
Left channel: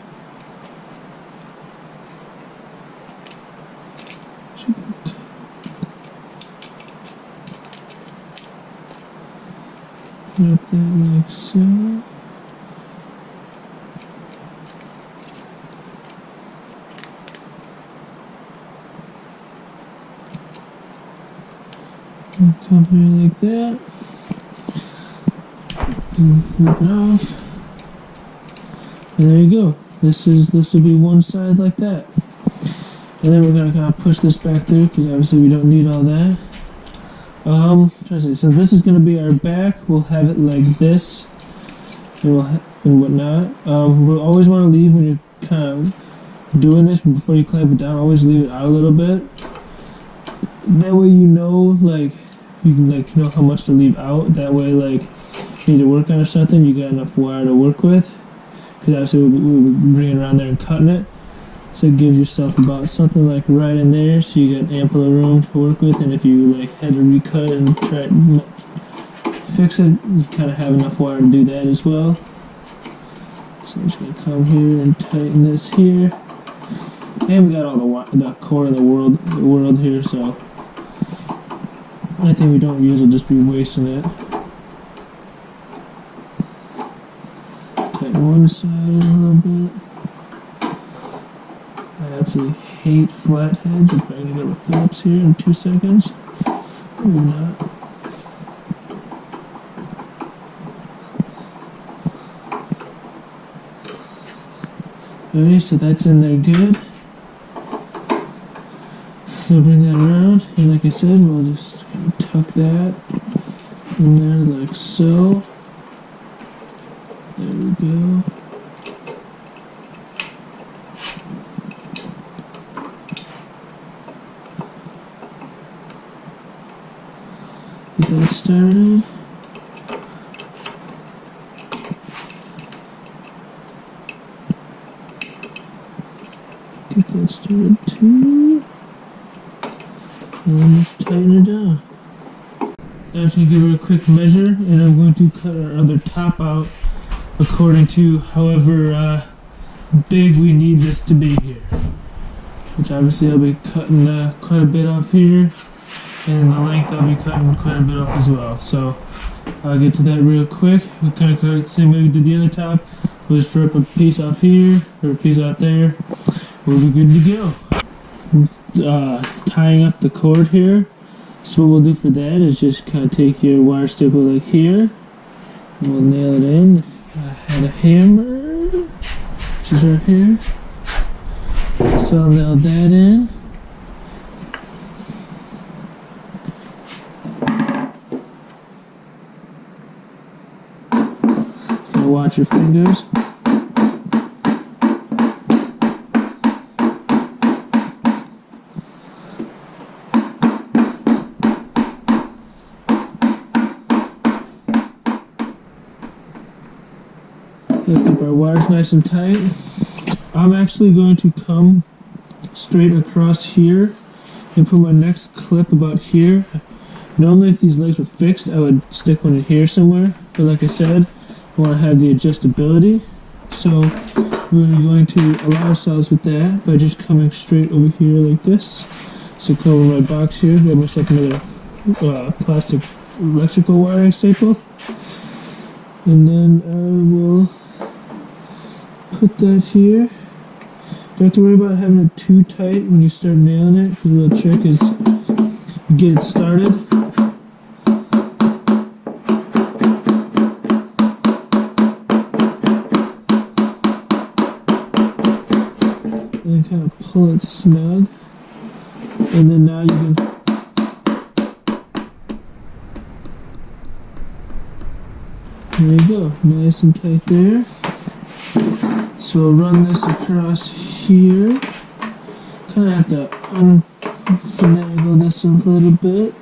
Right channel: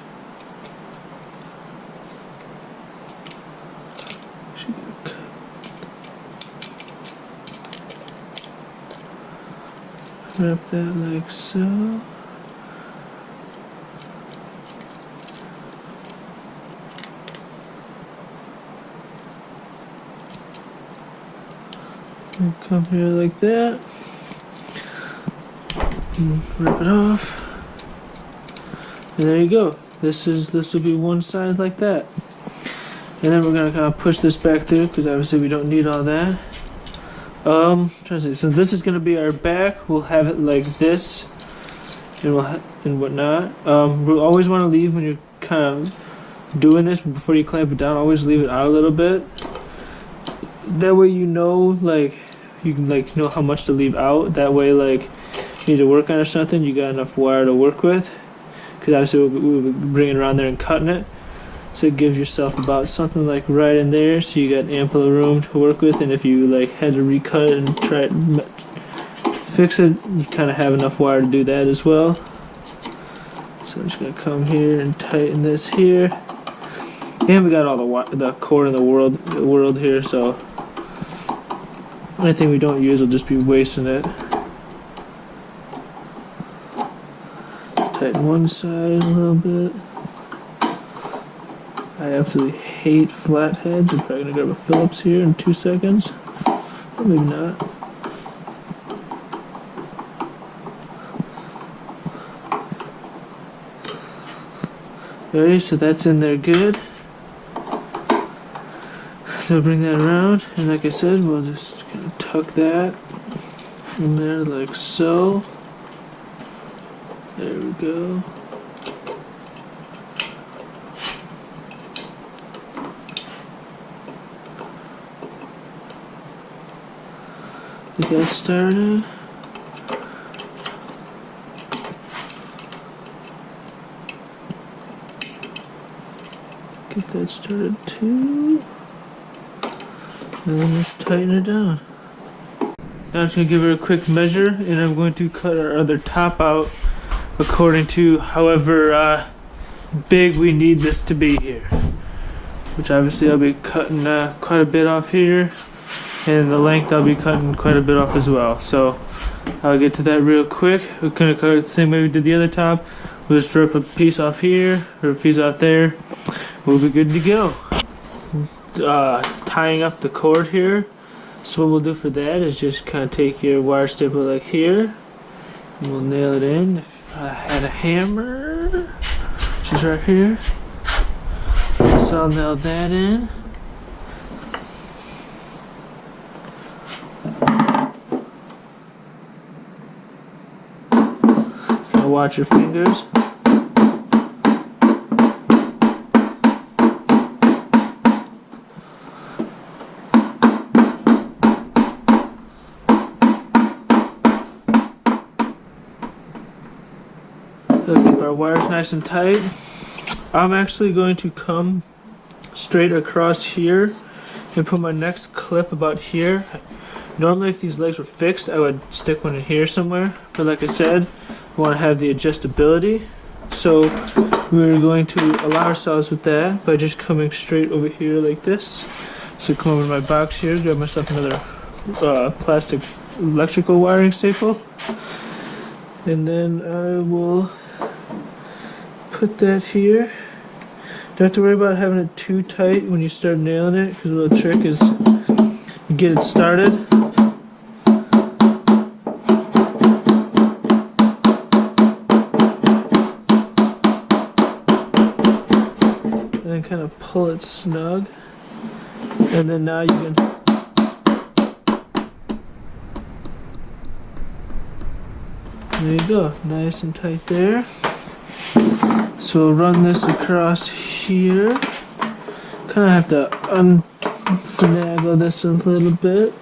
Wrap that like so. And come here like that. And rip it off. And there you go. This will be one side like that. And then we're gonna kind of push this back there because obviously we don't need all that. Trying to see. So this is gonna be our back. We'll have it like this, and and whatnot. We'll always want to leave when you're kind of doing this before you clamp it down. Always leave it out a little bit. That way you know, like you can know how much to leave out. That way, like you need to work on or something, you got enough wire to work with. Because obviously we'll be bringing it around there and cutting it. So it gives yourself about something like right in there, so you got ample room to work with. And if you like had to recut it and try to fix it, you kind of have enough wire to do that as well. So I'm just gonna come here and tighten this here. And we got all the cord in the world here, so anything we don't use will just be wasting it. Tighten one side a little bit. I absolutely hate flatheads. I'm probably gonna grab a Phillips here in 2 seconds. Or maybe not. Okay, so that's in there good. So bring that around, and like I said, we'll just kind of tuck that in there like so. There we go. Get that started. Get that started too. And then just tighten it down. Now I'm just going to give it a quick measure, and I'm going to cut our other top out according to however big we need this to be here. Which obviously I'll be cutting quite a bit off here, and the length I'll be cutting quite a bit off as well. So I'll get to that real quick. We're going to cut it the same way we did the other top. We'll just rip a piece off here, or a piece out there. We'll be good to go. Tying up the cord here. So what we'll do for that is just kind of take your wire stapler like here, and we'll nail it in. If I had a hammer, which is right here, so I'll nail that in. watch your fingers. So keep our wires nice and tight. I'm actually going to come straight across here and put my next clip about here. Normally if these legs were fixed I would stick one in here somewhere, but like I said, I want to have the adjustability, so we're going to allow ourselves with that by just coming straight over here like this. So come over to my box here, grab myself another plastic electrical wiring staple, and then I will put that here. Don't have to worry about having it too tight when you start nailing it, because the little trick is you get it started. And then kind of pull it snug. And then now you can there you go, nice and tight there. So we'll run this across here. Kind of have to finagle this a little bit.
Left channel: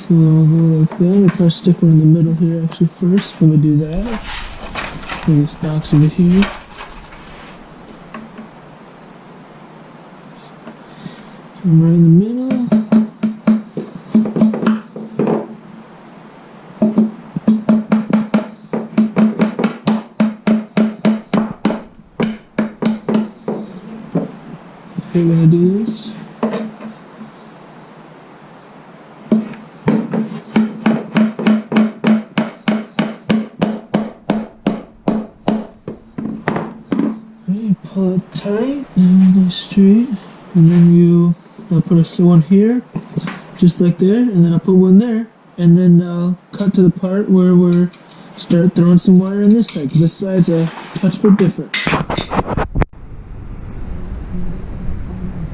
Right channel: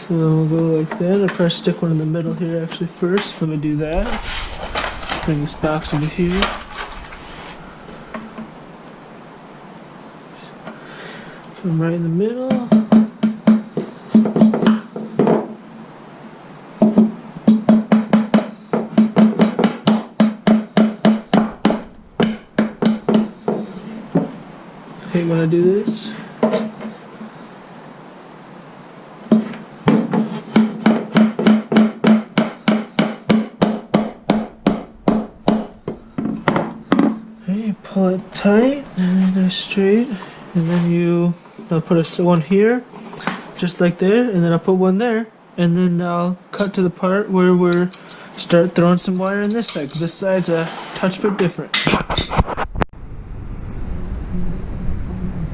So we'll go like that. I'll probably stick one in the middle here actually first. Let me do that. Bring this box over here. So I'm right in the middle. Okay, when I do this, okay, pull it tight and nice straight, and then I'll put one here, just like there, and then I'll put one there, and then I'll cut to the part where we're start throwing some wire in this side, 'cause this side's a touch bit different.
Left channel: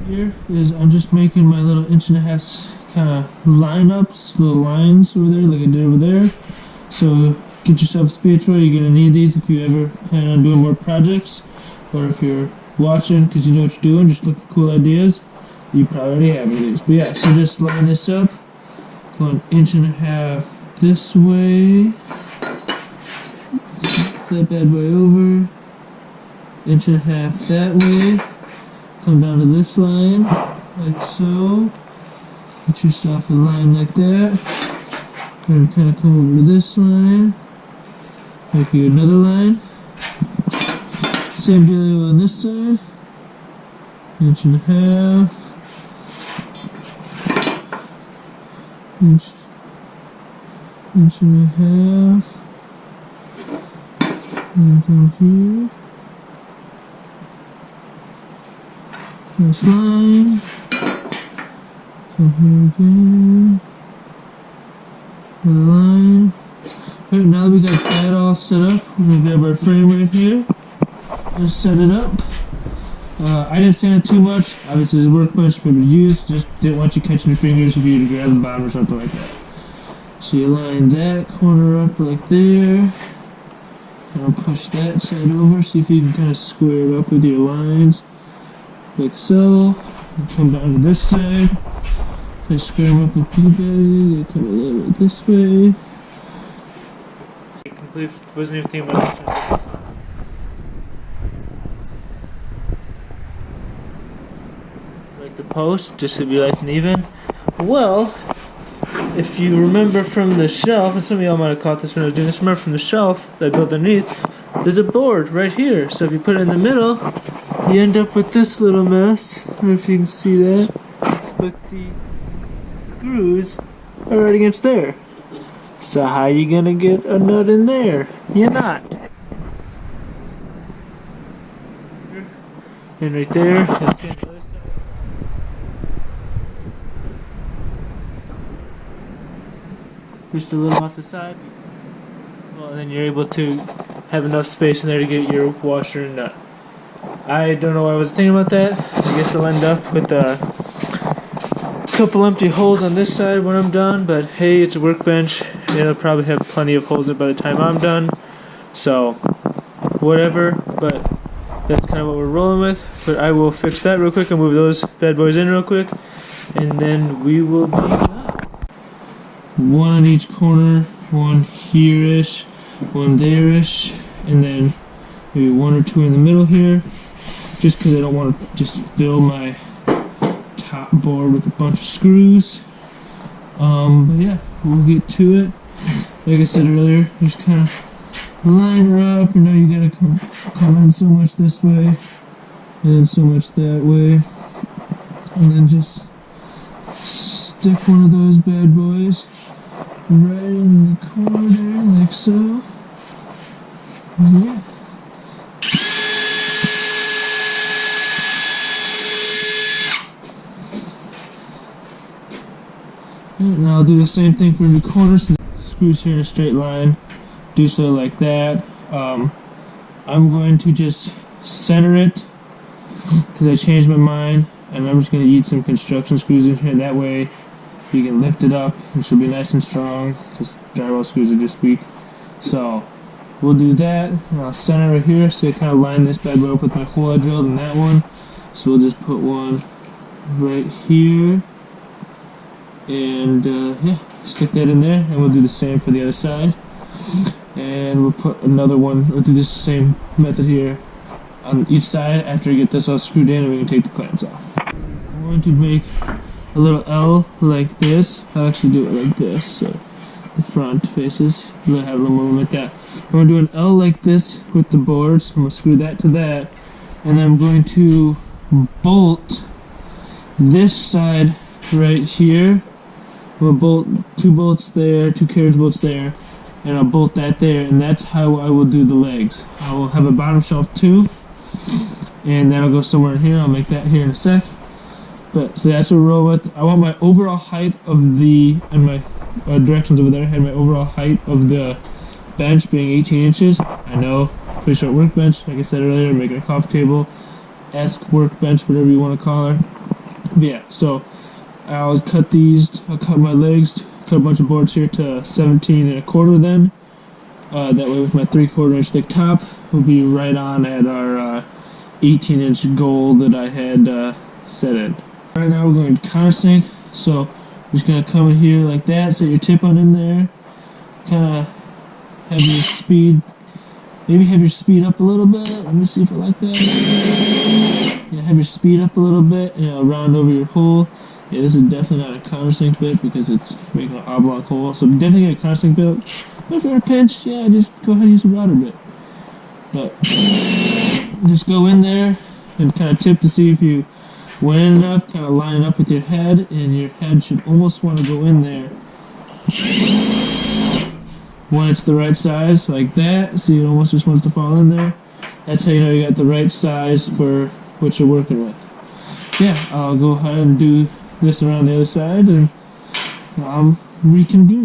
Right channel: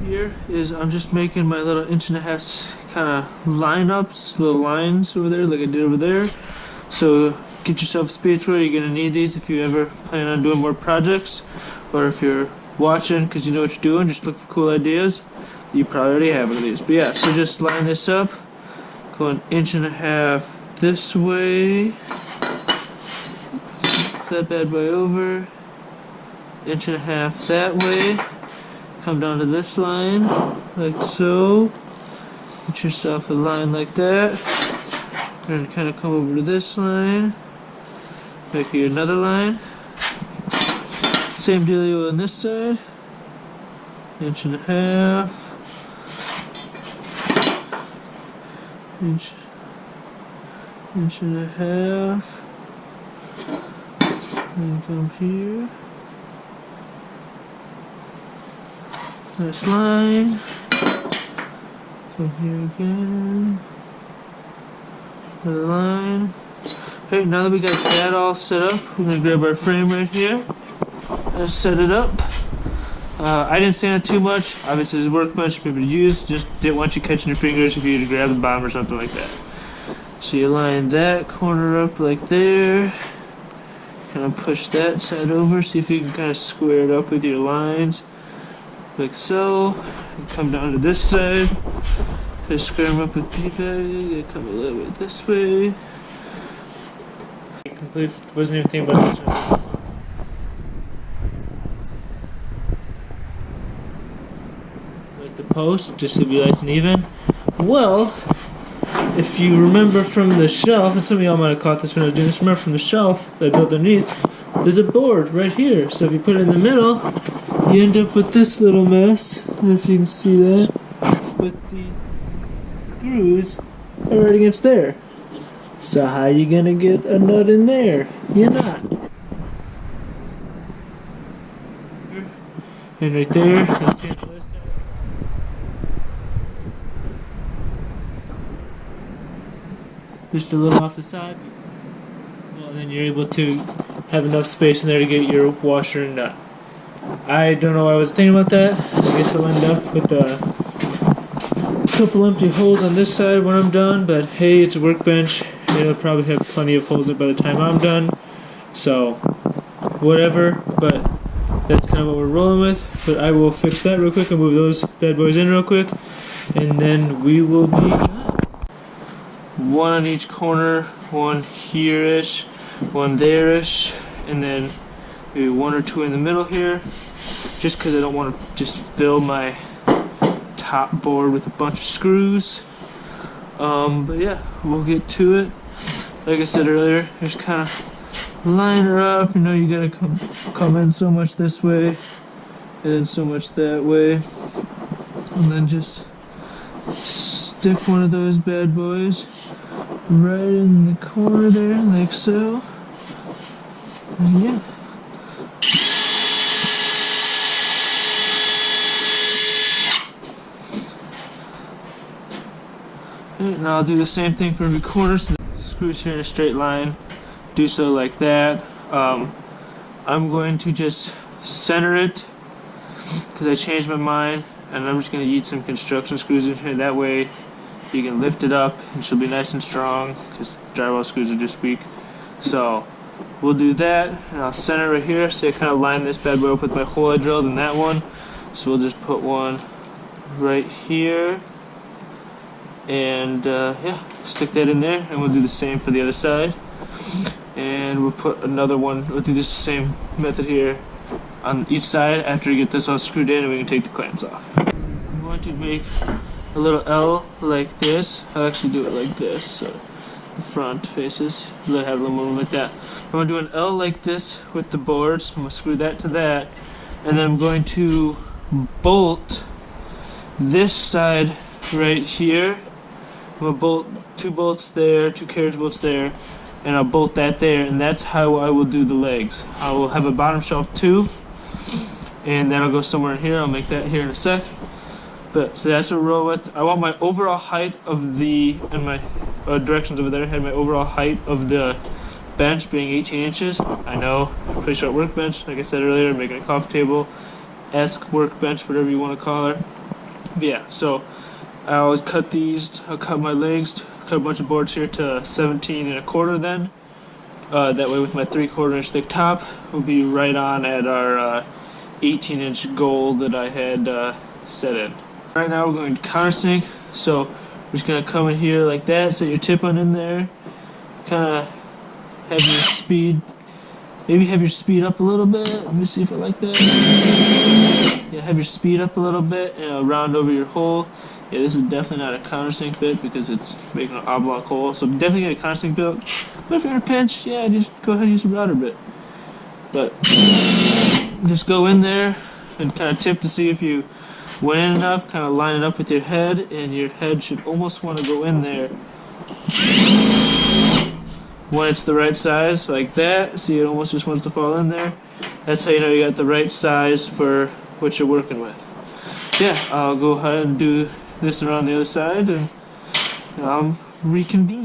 Here is I'm just making my little 1.5" kind of lineups, little lines over there like I did over there. So get yourself a speed tool. You're gonna need these if you ever plan on doing more projects, or if you're watching because you know what you're doing, just look for cool ideas. You probably already have one of these, but yeah. So just line this up, go 1.5" this way, flip that bad boy over, 1.5" that way. Come down to this line, like so. Get yourself a line like that. And kind of come over to this line. Make you another line. Same dealio on this side. 1.5". Inch and a half. And go here. Nice line. Come here again. Another line. Okay, now that we got that all set up, we're gonna grab our frame right here and set it up. I didn't sand it too much. Obviously, there's a workbench maybe to use. Just didn't want you catching your fingers if you were to grab the bottom or something like that. So you line that corner up like there. Kind of push that side over. See if you can kind of square it up with your lines. Like so, and come down to this side, just square them up with P-bag, come a little bit this way. Complete, wasn't even thinking about this one. Like the post, just to be nice and even. Well, if you remember from the shelf, and some of y'all might have caught this when I was doing this, remember from the shelf that I built underneath, there's a board right here. So if you put it in the middle, you end up with this little mess. I don't know if you can see that, but the screws are right against there. So how you gonna get a nut in there? You're not. And right there, you'll see on the other side. Just a little off the side. Well, then you're able to have enough space in there to get your washer and nut. I don't know why I was thinking about that. I guess I'll end up with couple empty holes on this side when I'm done, but hey, it's a workbench. It'll probably have plenty of holes in it by the time I'm done. So, whatever, but that's kind of what we're rolling with. But I will fix that real quick and move those bad boys in real quick, and then we will be done. One on each corner, one here-ish, one there-ish, and then maybe one or two in the middle here, just because I don't want to just fill my top board with a bunch of screws. But yeah, we'll get to it. Like I said earlier, just kind of line her up. You know, you gotta come in so much this way, and then so much that way, and then just stick one of those bad boys right in the corner there, like so. And yeah. And I'll do the same thing for every corner. So screws here in a straight line. Do so like that. I'm going to just center it because I changed my mind, and I'm just going to eat some construction screws in here. That way you can lift it up and she'll be nice and strong because drywall screws are just weak. So we'll do that, and I'll center right here. So I kind of line this bad boy up with my hole I drilled in that one. So we'll just put one right here. And yeah, stick that in there, and we'll do the same for the other side. And we'll put another one, we'll do the same method here on each side after we get this all screwed in, and we can take the clamps off. I'm going to make a little L like this. I'll actually do it like this, so the front faces, we'll have a little more like that. I'm going to do an L like this with the boards. I'm going to screw that to that, and then I'm going to bolt this side right here. I'm going to bolt 2 bolts there, 2 carriage bolts there, and I'll bolt that there, and that's how I will do the legs. I will have a bottom shelf too, and then I'll go somewhere in here. I'll make that here in a sec. But so that's what we're rolling with. I want my overall height of the, and my directions over there, I had my overall height of the bench being 18 inches. I know, pretty short workbench, like I said earlier, making a coffee table-esque workbench, whatever you want to call it. But yeah, so I'll cut these, I'll cut my legs, cut a bunch of boards here to 17 1/4 then. That way with my 3/4 inch thick top, we'll be right on at our 18 inch goal that I had set in. Right now we're going to countersink, so we're just going to come in here like that, set your tip on in there, kind of have your speed, maybe have your speed up a little bit. Let me see if I like that. Yeah, have your speed up a little bit, and it'll round over your hole. Yeah, this is definitely not a countersink bit because it's making an oblong hole, so definitely get a countersink bit. But if you're in a pinch, yeah, just go ahead and use a router bit. But just go in there and kind of tip to see if you went in enough, kind of line it up with your head, and your head should almost want to go in there when it's the right size, like that. See, it almost just wants to fall in there. That's how you know you got the right size for what you're working with. Yeah, I'll go ahead and do this around the other side, and reconvene.